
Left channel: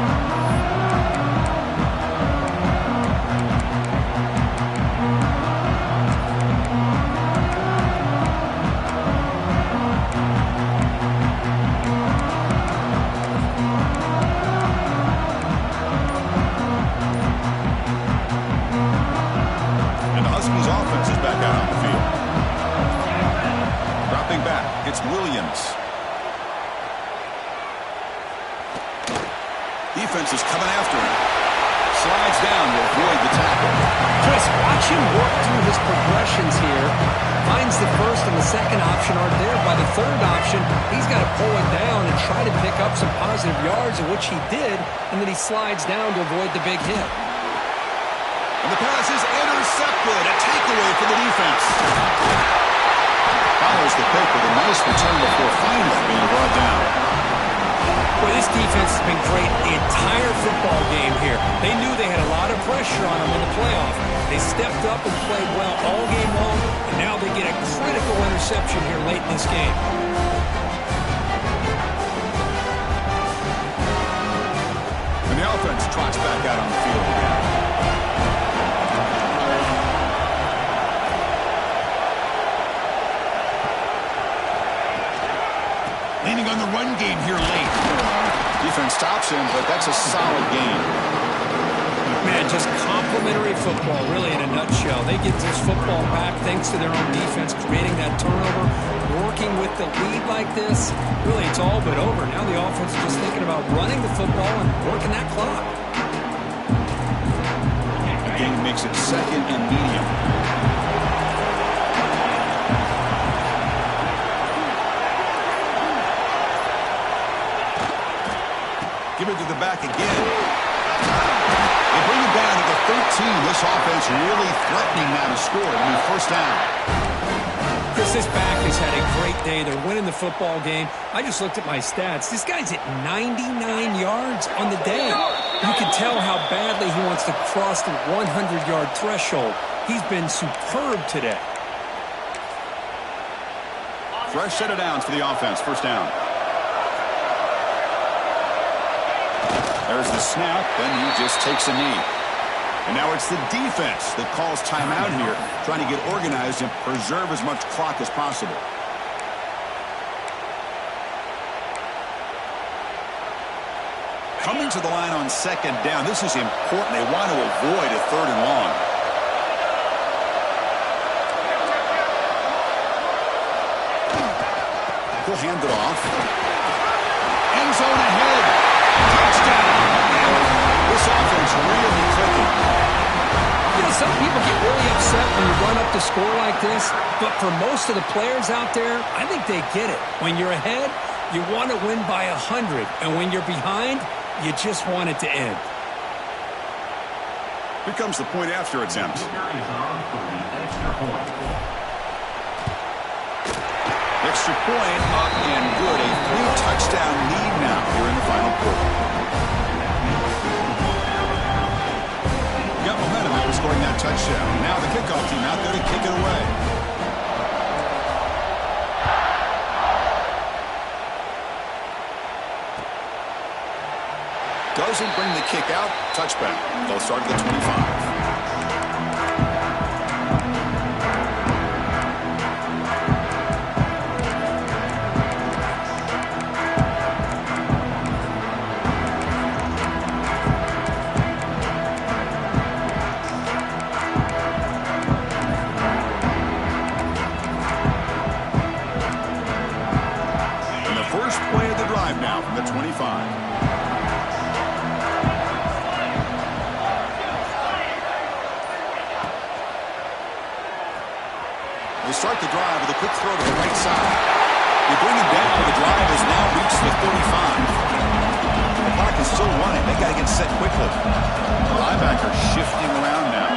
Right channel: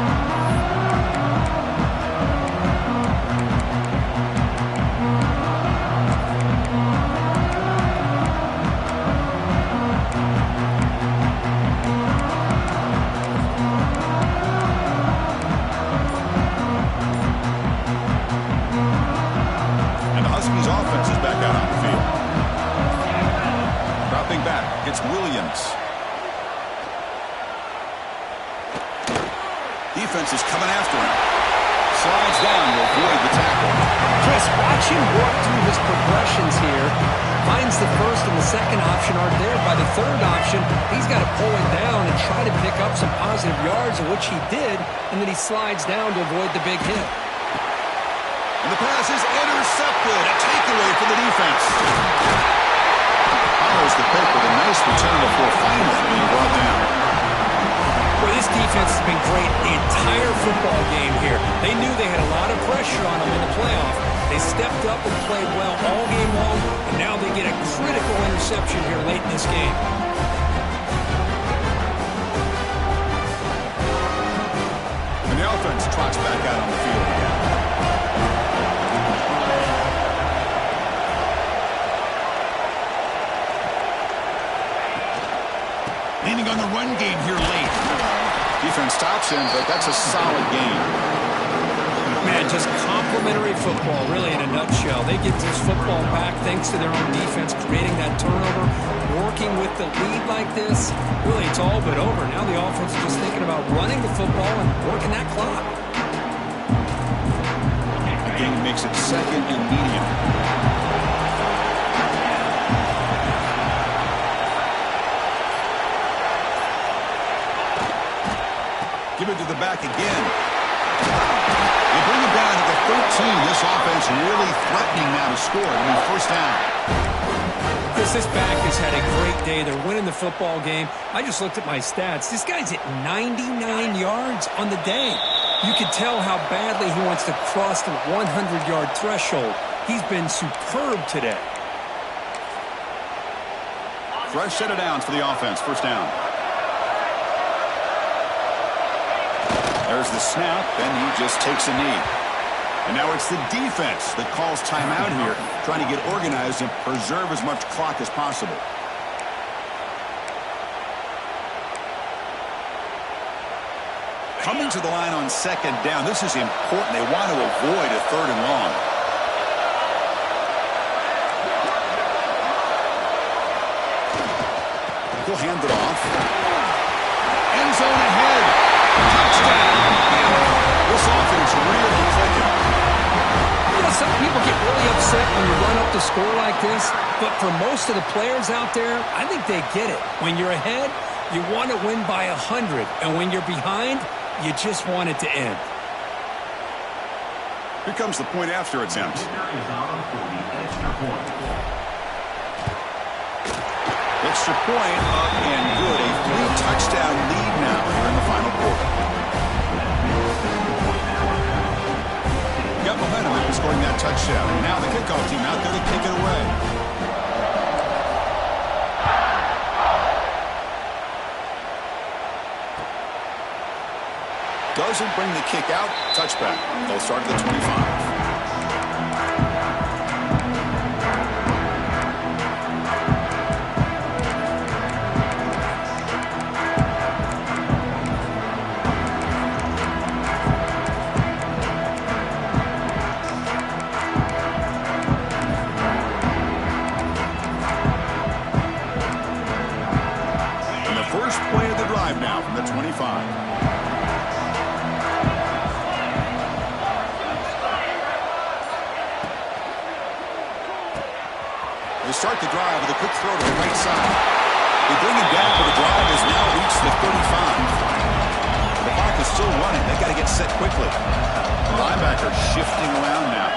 It's Williams. Defense is coming after him. Slides down to avoid the tackle. Chris, watch him work through his progressions here. Finds the first and the second option aren't there. By the third option, he's got to pull it down and try to pick up some positive yards, of which he did, and then he slides down to avoid the big hit. And the pass is intercepted. A takeaway for the defense. Follows the pick with a nice return before finally being brought down. Well, this defense has been great the entire football game here. They knew they had a lot of pressure on them in the playoff. They stepped up and played well all game long, and now they get a critical interception here late in this game. And the offense trots back out on the field again. Leaning on the run game here late. Defense stops him, but that's a solid game. Man, just complimentary football, really, in a nutshell. They get this football back thanks to their own defense, creating that turnover, working with the lead like this. Really, it's all but over. Now the offense is just thinking about running the football and working that clock. Again, makes it 2nd and medium. Give it to the back again. They bring it down to the 13. This offense really threatening now to score. It'll be 1st down. Chris, this back has had a great day. They're winning the football game. I just looked at my stats. This guy's at 99 yards on the day. You can tell how badly he wants to cross the 100-yard threshold. He's been superb today. Fresh set of downs for the offense. 1st down. There's the snap, and he just takes a knee. And now it's the defense that calls timeout here, trying to get organized and preserve as much clock as possible. Coming to the line on 2nd down, this is important. They want to avoid a 3rd and long. He'll hand it off. End zone ahead. Touchdown! This offense really clicking. You know, some people get really upset when you run up the score like this, but for most of the players out there, I think they get it. When you're ahead, you want to win by 100, and when you're behind, you just want it to end. Here comes the point after attempt. Extra point up and good. A 3-touchdown lead now here in the final quarter. Got momentum at for scoring that touchdown. Now the kickoff team out there to kick it away. Doesn't bring the kick out. Touchback. They'll start at the 25. Now from the 25. They start the drive with a quick throw to the right side. They bring him down, but the drive has now reached the 35. The clock is still running. They got to get set quickly. The linebacker shifting around now.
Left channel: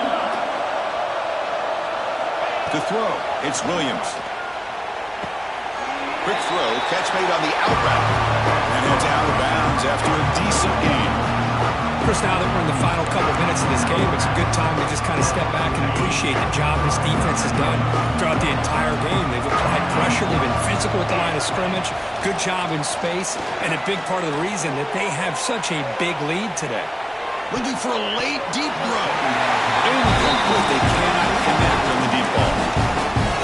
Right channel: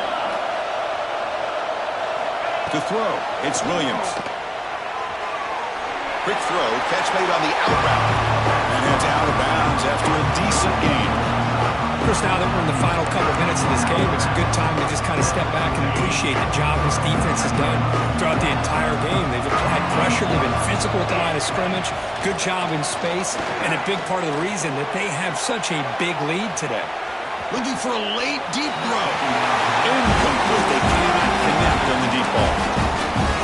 To throw, it's Williams. Quick throw, catch made on the out route. And it's out of bounds after a decent gain. Chris, now that we're in the final couple minutes of this game, it's a good time to just kind of step back and appreciate the job this defense has done throughout the entire game. They've applied pressure. They've been physical at the line of scrimmage. Good job in space. And a big part of the reason that they have such a big lead today. Looking for a late, deep throw. Incomplete. They cannot connect on the deep ball.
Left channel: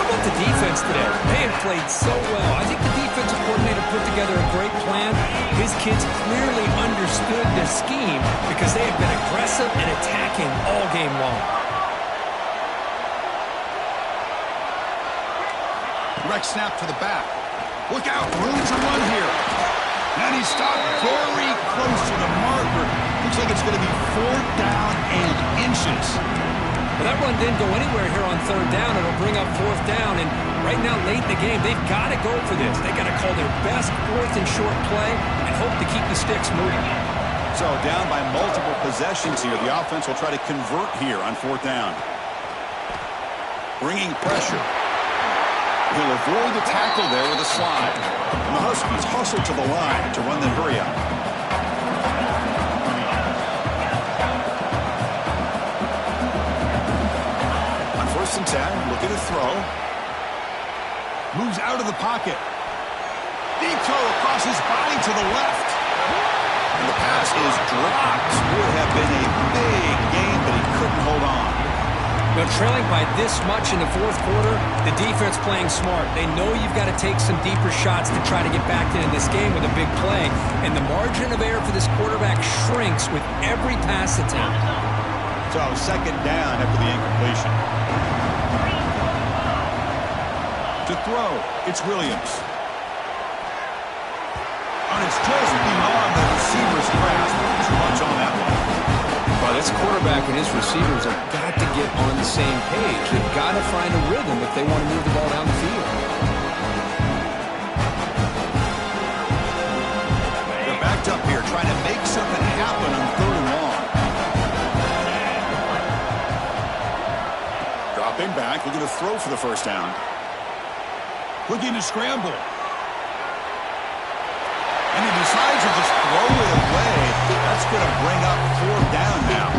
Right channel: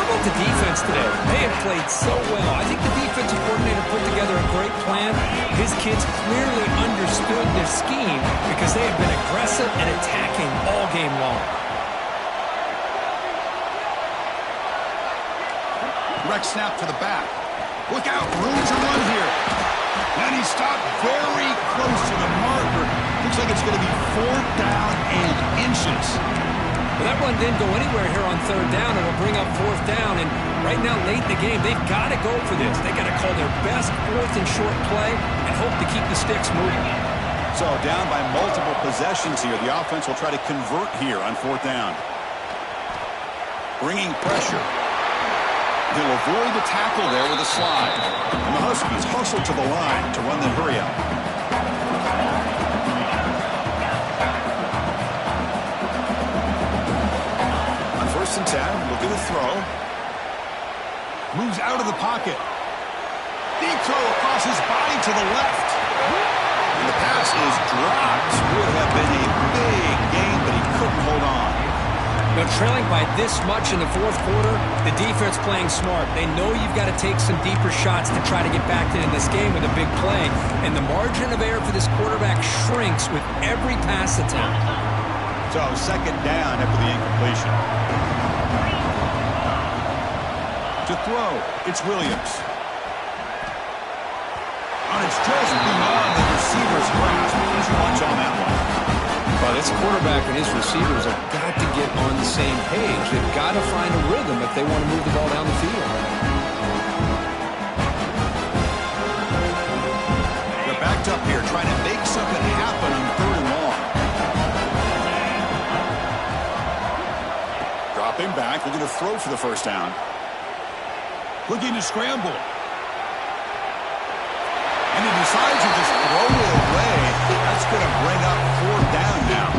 How about the defense today? They have played so well. I think the defensive coordinator put together a great plan. His kids clearly understood their scheme because they have been aggressive and attacking all game long. Direct snap to the back. Look out, room to run here. And he stopped very close to the marker. Looks like it's going to be 4th down and inches. Well, that run didn't go anywhere here on 3rd down. It'll bring up 4th down. And right now, late in the game, they've got to go for this. They've got to call their best 4th and short play and hope to keep the sticks moving. So down by multiple possessions here. The offense will try to convert here on 4th down. Bringing pressure. He'll avoid the tackle there with a slide. And the Huskies hustle to the line to run the hurry up. On 1st and 10, looking to throw. Moves out of the pocket. Deep throw across his body to the left. And the pass is dropped. Would have been a big gain, but he couldn't hold on. You know, trailing by this much in the 4th quarter, the defense playing smart. They know you've got to take some deeper shots to try to get back in this game with a big play. And the margin of error for this quarterback shrinks with every pass attempt. So 2nd down after the incompletion. To throw, it's Williams. And it's just beyond the receiver's grasp. Too much on that one. Well, this quarterback and his receivers have got to get on the same page. They've got to find a rhythm if they want to move the ball down the field. They're backed up here trying to make something happen on 3rd and long. Dropping back, looking to throw for the 1st down. Looking to scramble. And he decides to just throw it away. That's going to bring up 4th down now.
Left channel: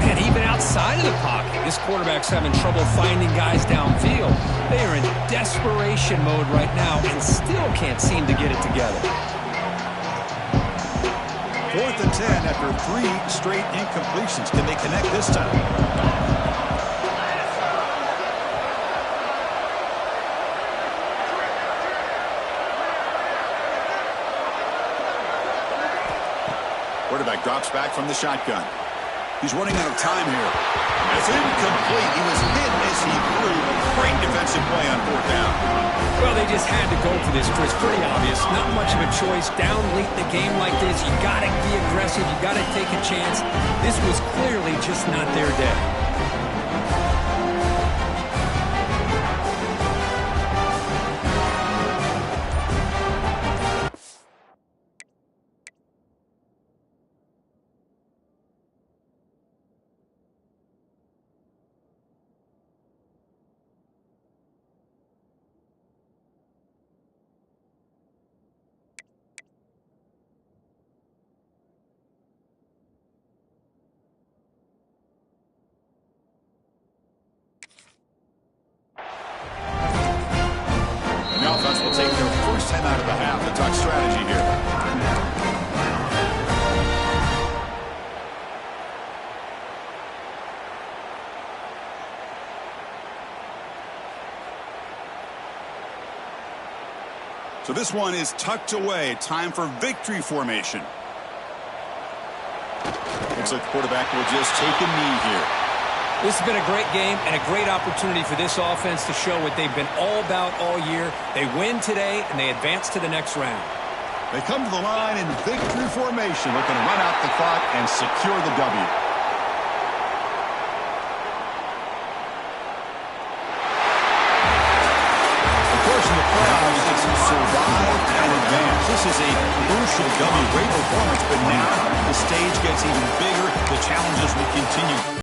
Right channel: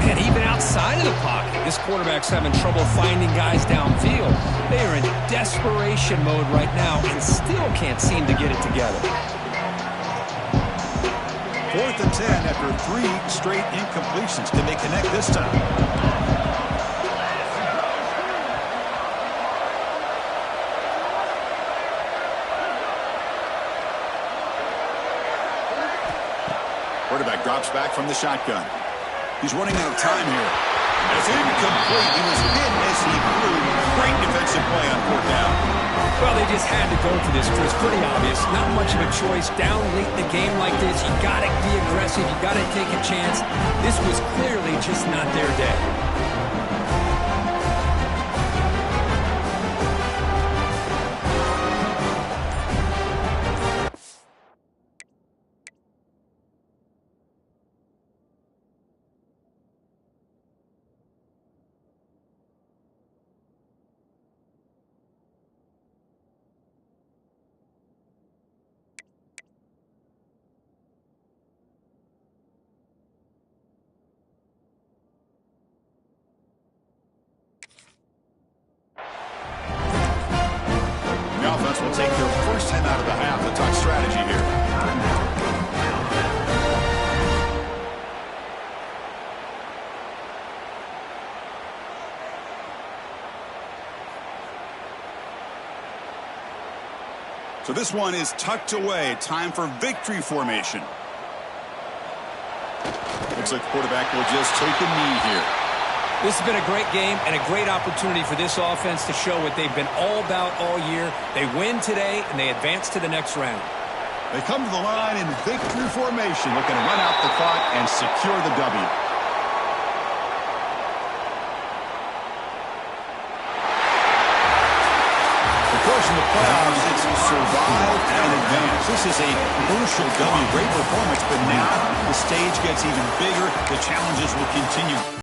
Man, even outside of the pocket, this quarterback's having trouble finding guys downfield. They are in desperation mode right now and still can't seem to get it together. 4th and 10 after 3 straight incompletions. Can they connect this time? Quarterback drops back from the shotgun. He's running out of time here. It's incomplete. He was hit as he threw. Great defensive play on 4th down. Well, they just had to go for this, Chris. Pretty obvious. Not much of a choice. Down late in the game like this, you got to be aggressive. You got to take a chance. This was clearly just not their day. offense will take their first time out of the half to talk strategy here. So this one is tucked away. Time for victory formation. Looks like the quarterback will just take a knee here. This has been a great game and a great opportunity for this offense to show what they've been all about all year. They win today, and they advance to the next round. They come to the line in victory formation, looking to run out the clock and secure the W. Of course, in the playoffs, it's survive and advance. This is a crucial W. Great performance, but now the stage gets even bigger. The challenges will continue.